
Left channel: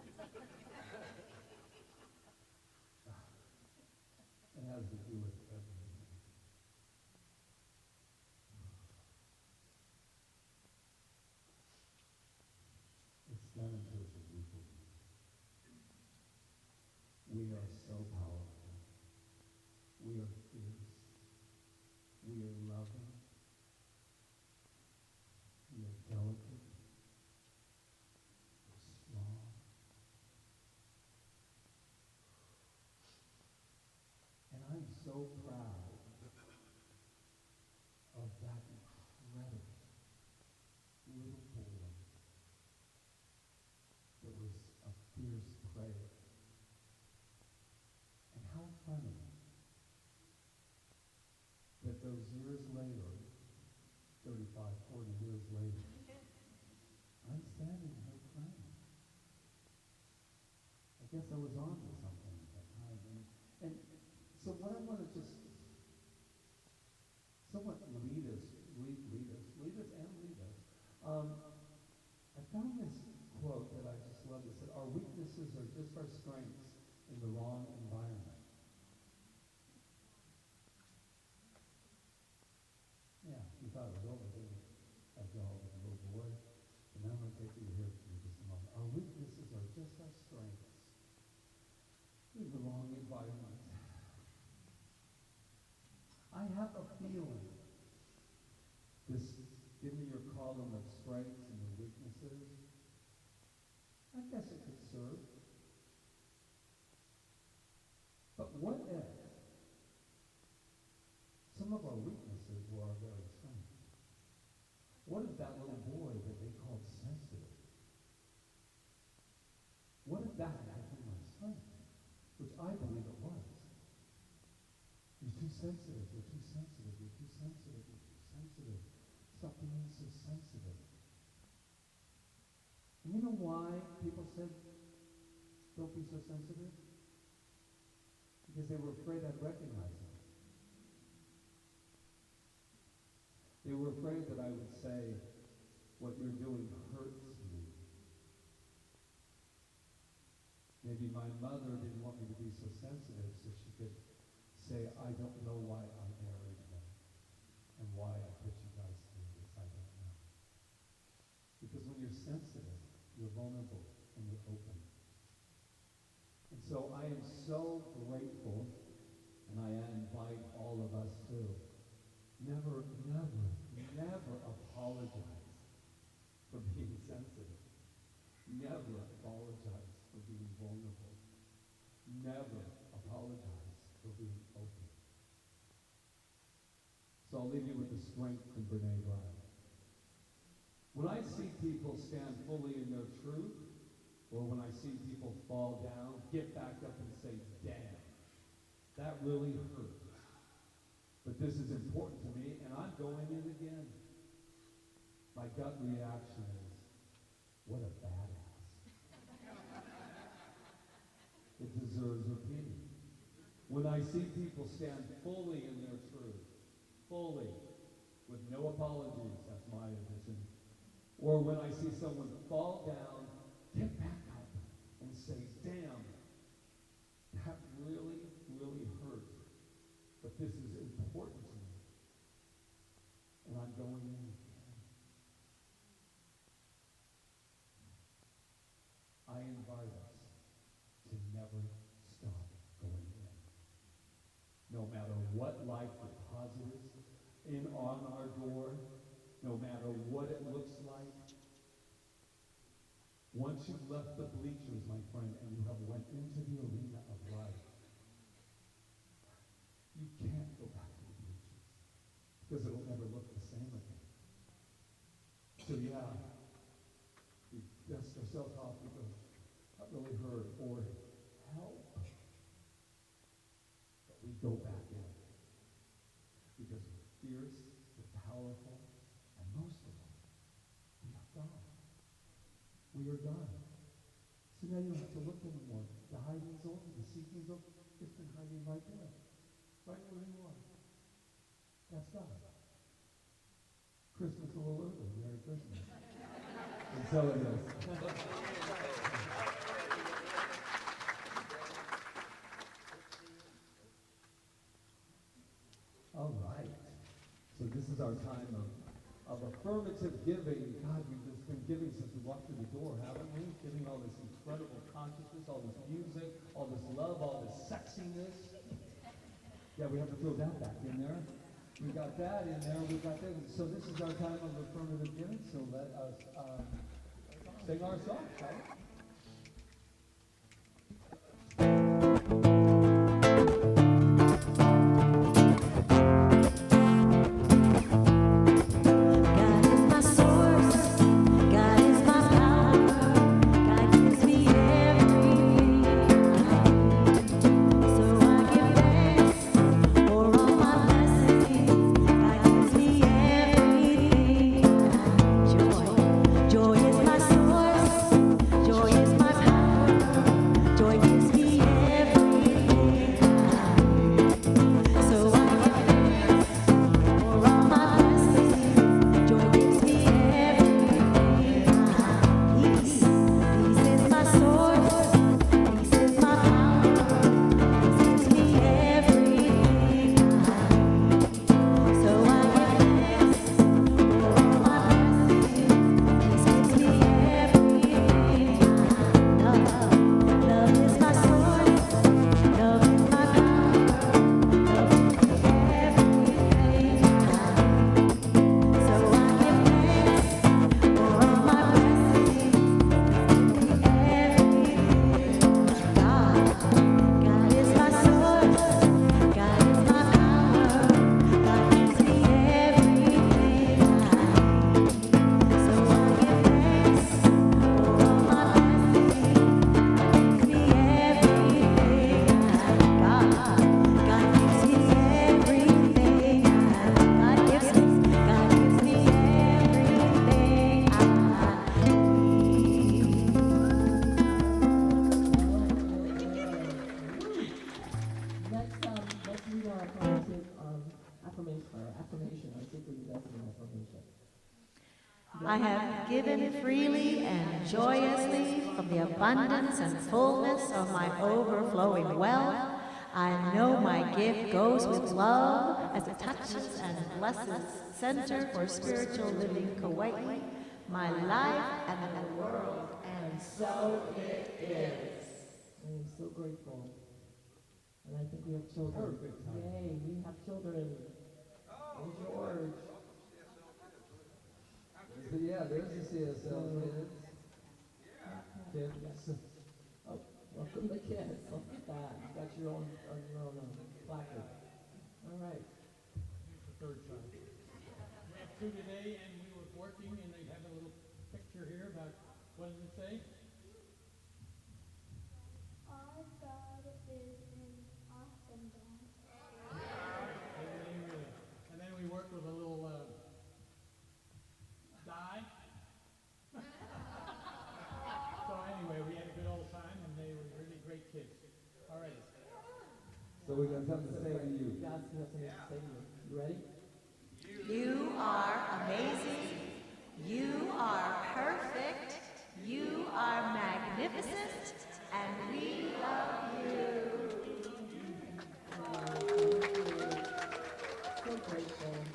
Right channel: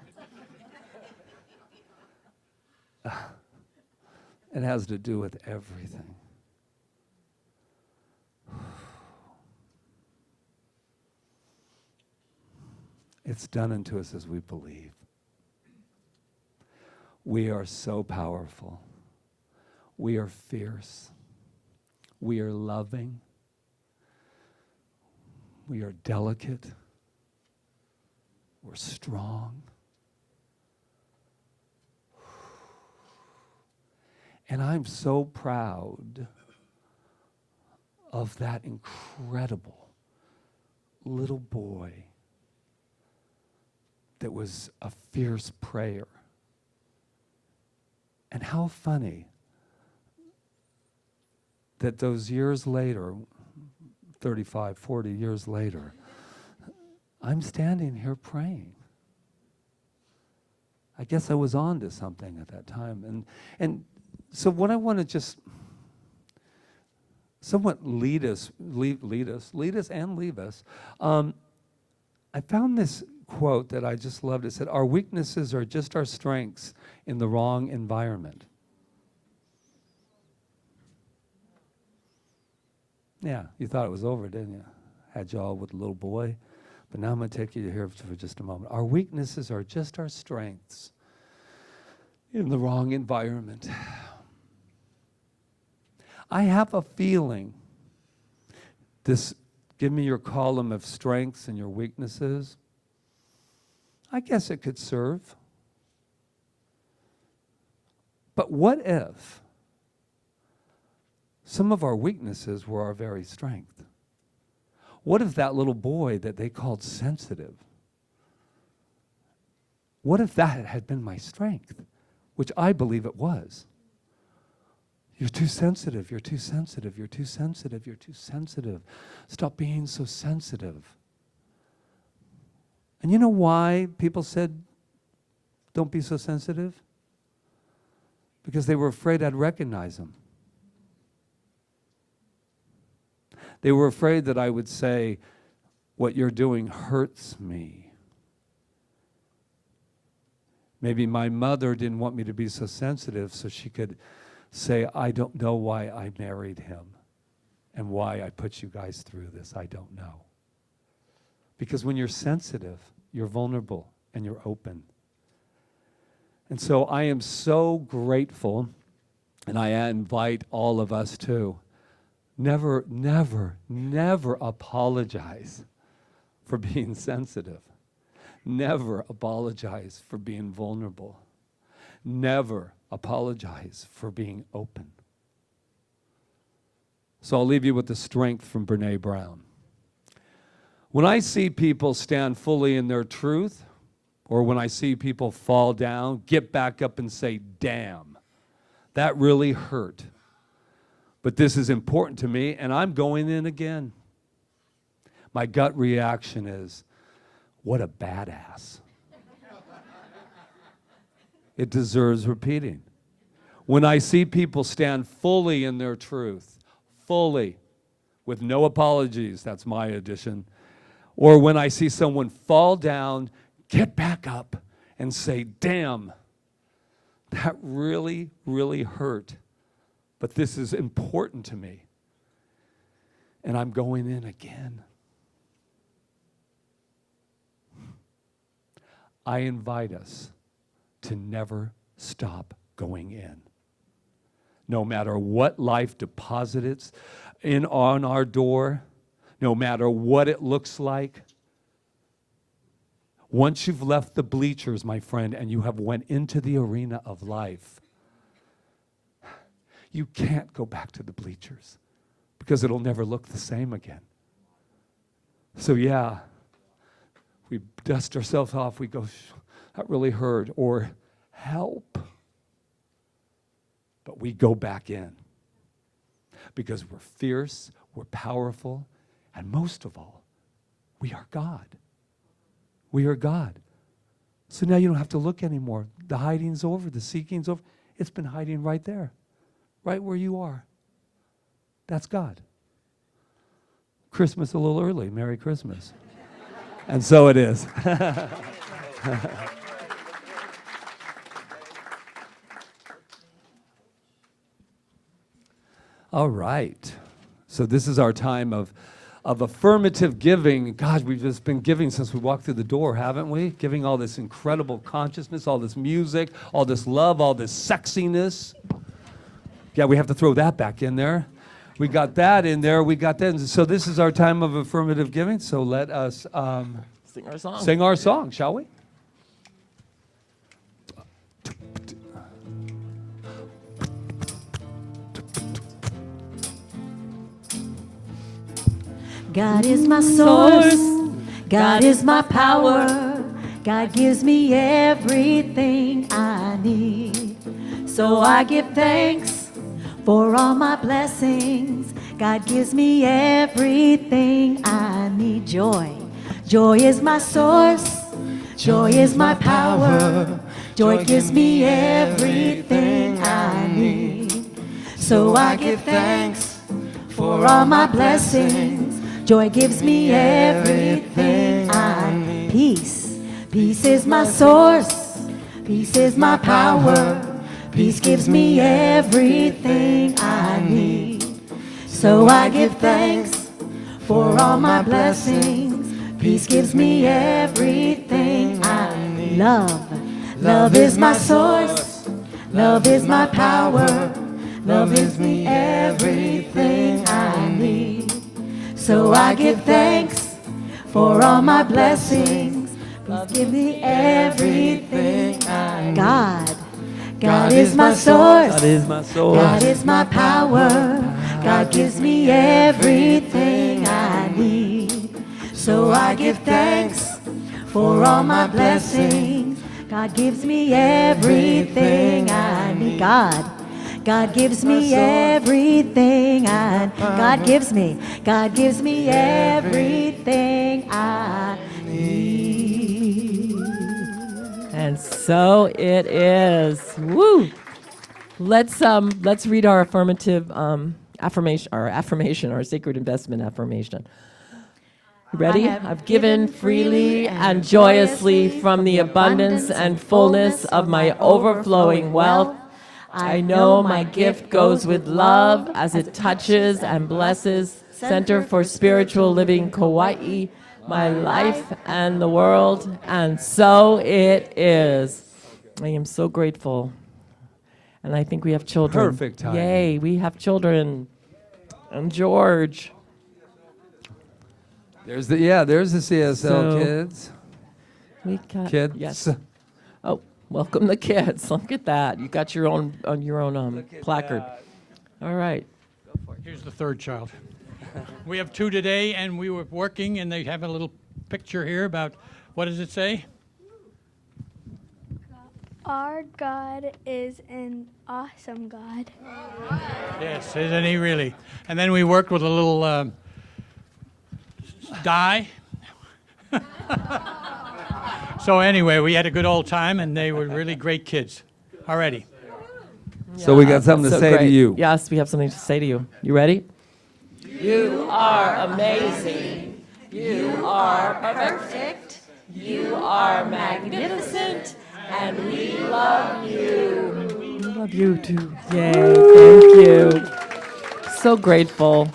It has to do with everything. It's done unto us as we believe. We are so powerful. We are fierce. We are loving. We are delicate. We're strong. And I'm so proud of that incredible little boy that was a fierce prayer. And how funny that those years later, 35, 40 years later, I'm standing here praying. I guess I was on to something at that time. And so what I want to just somewhat lead us and leave us. I found this quote that I just loved. It said, our weaknesses are just our strengths in the wrong environment. Yeah, you thought it was over, didn't you? Had you all with a little boy. But now I'm going to take you here for just a moment. Our weaknesses are just our strengths in the wrong environment. I have a feeling this, give me your column of strengths and your weaknesses. I guess it could serve. But what if some of our weaknesses were our very strength? What if that little boy that they called sensitive, what if that had been my strength, which I believe it was? You're too sensitive, you're too sensitive, you're too sensitive, you're too sensitive. Stop being so sensitive. And you know why people said, don't be so sensitive? Because they were afraid I'd recognize them. They were afraid that I would say, what you're doing hurts me. Maybe my mother didn't want me to be so sensitive so she could say, I don't know why I married him and why I put you guys through this. I don't know. Because when you're sensitive, you're vulnerable and you're open. And so I am so grateful, and I invite all of us to never, never, never apologize for being sensitive. Never apologize for being vulnerable. Never apologize for being open. So I'll leave you with the strength from Brene Brown. When I see people stand fully in their truth, or when I see people fall down, get back up and say, damn, that really hurt. But this is important to me, and I'm going in again. My gut reaction is, what a badass. It deserves repeating. When I see people stand fully in their truth, fully, with no apologies, that's my addition, or when I see someone fall down, get back up, and say, damn, that really, really hurt, but this is important to me, and I'm going in again. I invite us to never stop going in. No matter what life deposits in on our door, no matter what it looks like. Once you've left the bleachers, my friend, and you have went into the arena of life, you can't go back to the bleachers because it'll never look the same again. So yeah, we dust ourselves off, we go, that really hurt, or help. But we go back in because we're fierce, we're powerful, and most of all, we are God. We are God. So now you don't have to look anymore. The hiding's over, the seeking's over. It's been hiding right there, right where you are. That's God. Christmas a little early. Merry Christmas. And so it is. All right. So this is our time of affirmative giving. God, we've just been giving since we walked through the door, haven't we? Giving all this incredible consciousness, all this music, all this love, all this sexiness. Yeah, we have to throw that back in there. We got that in there. We got that. And so this is our time of affirmative giving. So let us sing our song, shall we? God is my source, God is my power, God gives me everything I need. So I give thanks for all my blessings, God gives me everything I need. Joy is my source, joy is my power, joy gives me everything I need. So I give thanks for all my blessings, joy gives me everything I need. Peace is my source, peace is my power, peace gives me everything I need. So I give thanks for all my blessings, peace gives me everything I need. Love is my source, love is my power, love gives me everything I need. So I give thanks for all my blessings, give me everything I need. God is my source, God is my power, God gives me everything I need. So I give thanks for all my blessings, God gives me everything I need. God gives me everything I need. God gives me everything I need. And so it is. Woo! Let's read our affirmative affirmation, our sacred investment affirmation. You ready? I've given freely and joyously from the abundance and fullness of my overflowing wealth. I know my gift goes with love as it touches and blesses Center for Spiritual Living Kaua'i, my life and the world, and so it is. I am so grateful. And I think we have children. Perfect timing. Yay, we have children. And George. There's the CSL So- kids. We got Kids. Yes. Oh, welcome the kids. Look at that. You got your own placard. All right. Here's the third child. We have two today, and we were working, and they have a little picture here about, what does it say? Our God is an awesome God. Yes, isn't he really? And then we worked with a little die. So anyway, we had a good old time, and they were really great kids. Alrighty. So we got something to So say to great. you. Yes, we have something to say to you. You ready? You are amazing. You are perfect. You are magnificent. And we love you. We love you too. Yay, thank you. So grateful.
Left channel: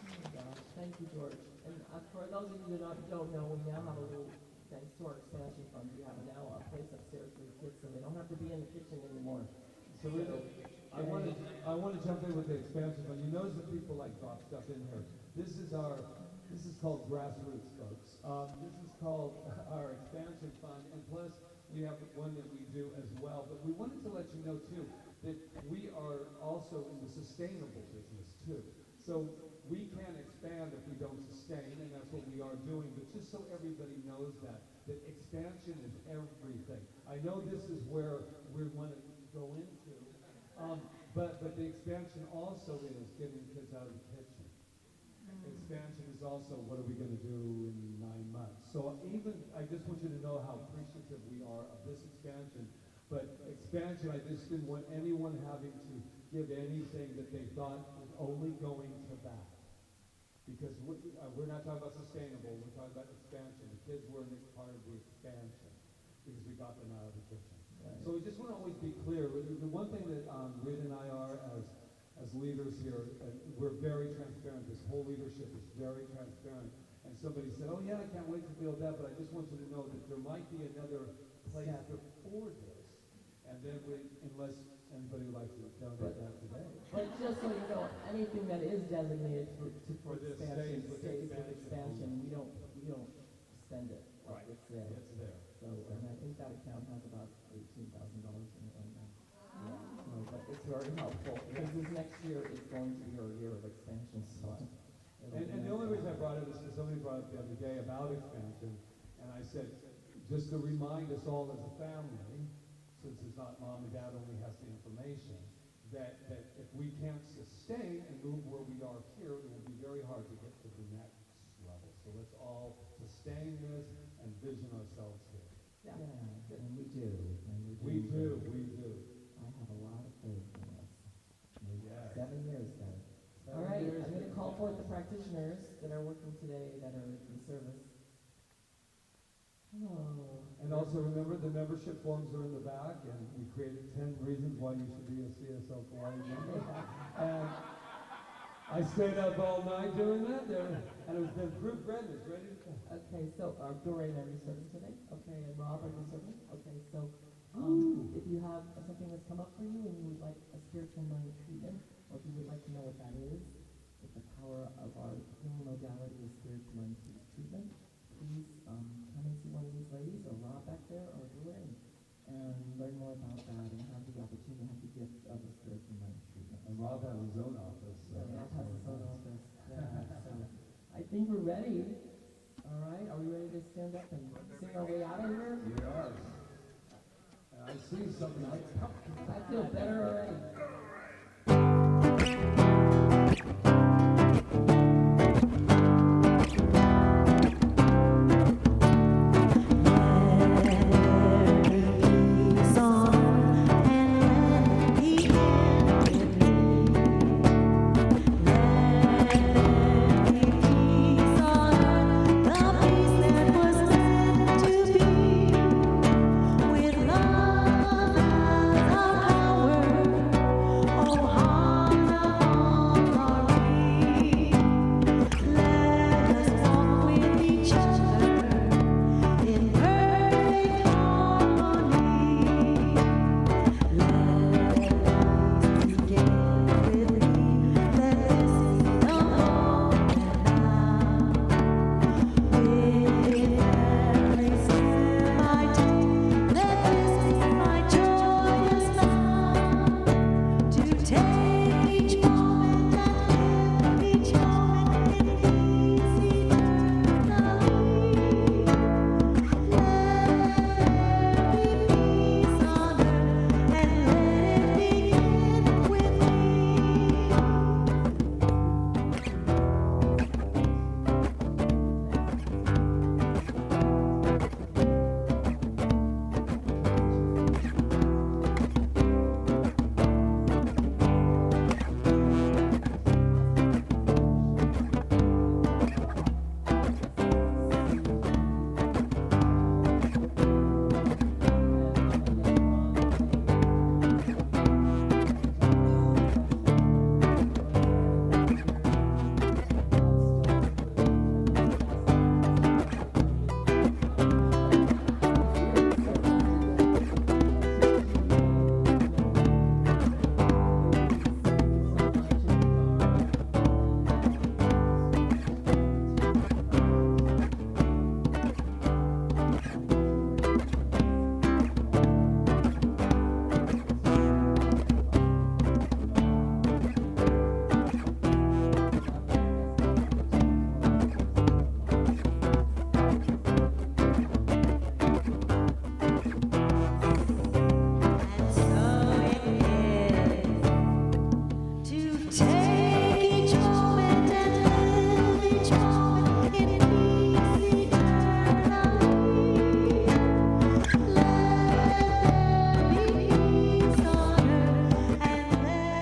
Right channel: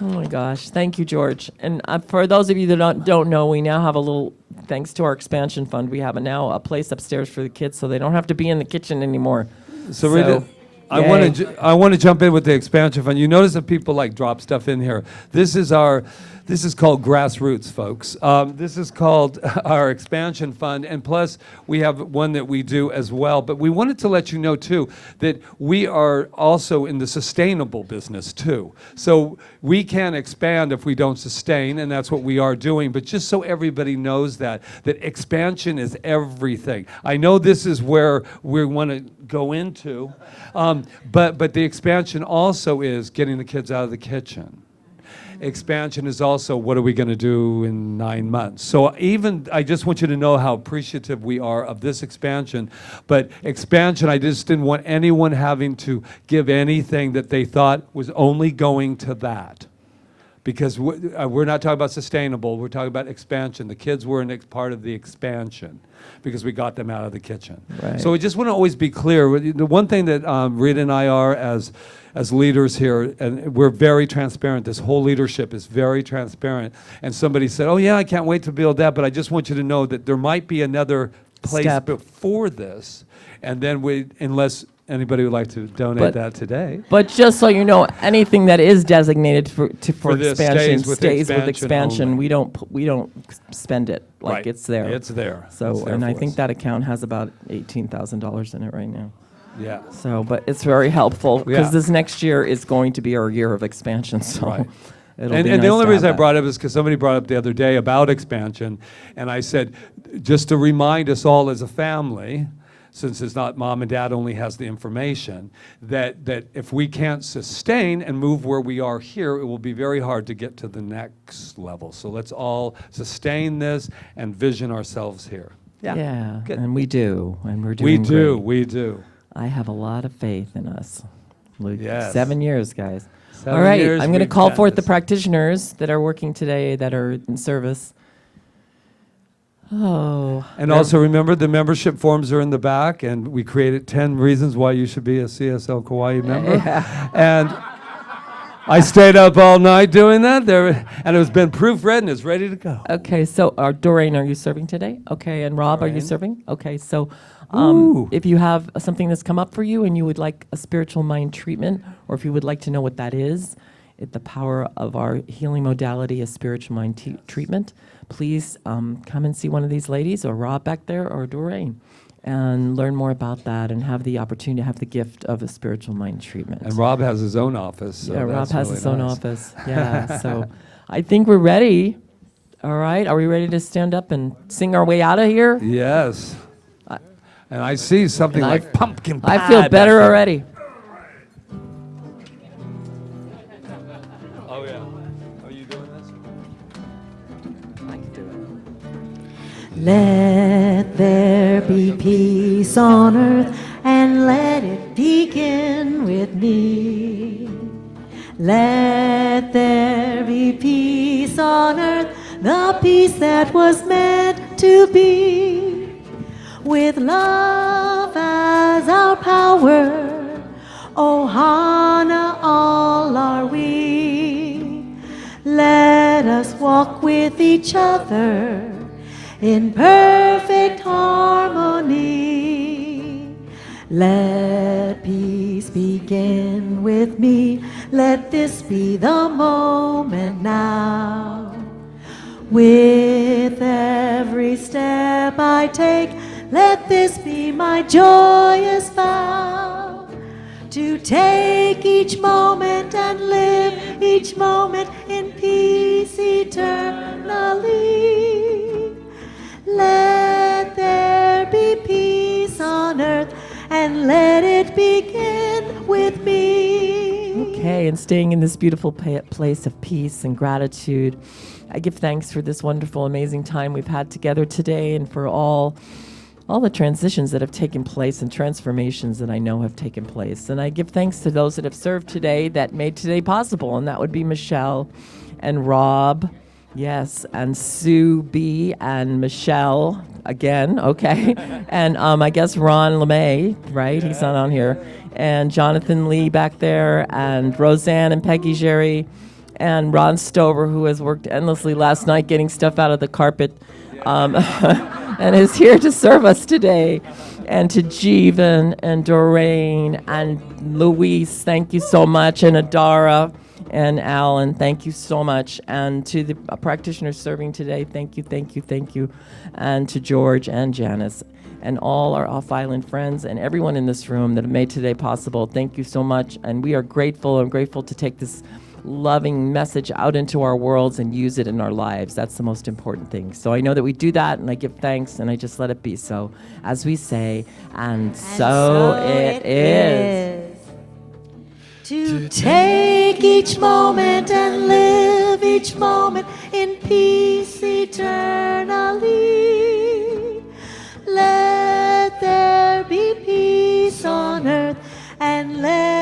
Oh my gosh, thank you, George. And for those of you that don't know, we now have a little, thanks to our expansion fund, we have now a place upstairs for the kids so they don't have to be in the kitchen anymore. So Rita, I want to jump in with the expansion fund. You notice that people like drop stuff in here. This is called grassroots, folks. This is called our expansion fund, and plus we have one that we do as well. But we wanted to let you know too that we are also in the sustainable business too. So we can't expand if we don't sustain, and that's what we are doing. But just so everybody knows that expansion is everything. I know this is where we want to go into, but the expansion also is getting the kids out of the kitchen. Expansion is also, what are we going to do in 9 months? So I just want you to know how appreciative we are of this expansion. But expansion, I just didn't want anyone having to give anything that they thought was only going to that. Because we're not talking about sustainable, we're talking about expansion. The kids were part of the expansion because we got them out of the kitchen. Right. So we just want to always be clear. The one thing that Rita and I are as leaders here, and we're very transparent. This whole leadership is very transparent. And somebody said, oh yeah, I can't wait to build that, but I just want you to know that there might be another place Step. Before this, and then unless anybody would like to donate that today. But just so you know, anything that is designated for this expansion stays with expansion. only. We don't spend it like Right. it's there. It's there. So, It's there and I for think us. that account has about $18,000 in it right now. Yeah. So, but it's very helpful because Yeah. this next year is going to be our year of expansion. So, Right. it'll And be the nice only to reason I have brought it up is because somebody brought up the other day about expansion, and I said, just to remind us all as a family, since it's not mom and dad only has the information, that if we can't sustain and move where we are here, it will be very hard to get to the next level. So let's all sustain this and vision ourselves here. Yeah, Good. and we do, and we're We doing do, great. we do. I have a lot of faith in us. Yes. 7 years, guys. 7 All right, years I'm going to we've call done forth the this. practitioners that are working today that are in service. Oh. And also remember, the membership forms are in the back, and we created 10 reasons why you should be a CSL Kauai member. And I stayed up all night doing that, and it was been proofread and it's ready to go. Okay, so Doreen, are you serving today? Okay, and Rob, are you Doreen. serving? Okay, so Ooh. if you have something that's come up for you and you would like a spiritual mind treatment, or if you would like to know what that is, the power of our healing modality is spiritual mind treatment, please come and see one of these ladies, or Rob back there, or Doreen, and learn more about that and have the opportunity to have the gift of a spiritual mind treatment. And Rob has his own office. So Yeah, Rob that's has really his own nice. office. Yeah, so I think we're ready. All right, are we ready to stand up and sing our way out of here? Yes. And I see something And like pumpkin pie. I feel back better there. already. Oh, yeah. Let there be peace on earth, and let it begin with me. Let there be peace on earth, the peace that was meant to be. With love as our power, Ohana all are we. Let us walk with each other in perfect harmony. Let peace begin with me. Let this be the moment now. With every step I take, let this be my joyous vow. To take each moment and live each moment in peace eternally. Let there be peace on earth, and let it begin with me. Okay, and staying in this beautiful place of peace and gratitude, I give thanks for this wonderful, amazing time we've had together today, and for all all the transitions that have taken place and transformations that I know have taken place. And I give thanks to those that have served today that made today possible, and that would be Michelle and Rob, yes, and Sue B and Michelle again, okay, and I guess Ron LeMay, right? He's not on here, and Jonathan Lee back there, and Roseanne and Peggy Jerry, and Ron Stover, who has worked endlessly last night getting stuff out of the carpet. And is here to serve us today. And to Jeevan and Doreen and Luis, thank you so much. And Adara and Alan, thank you so much. And to the practitioners serving today, thank you, thank you, thank you. And to George and Janice and all our off-island friends and everyone in this room that have made today possible, thank you so much. And we are grateful and grateful to take this loving message out into our worlds and use it in our lives. That's the most important thing. So I know that we do that, and I give thanks, and I just let it be so, as we say, and so it is. To take each moment and live each moment in peace eternally. Let there be peace on earth and let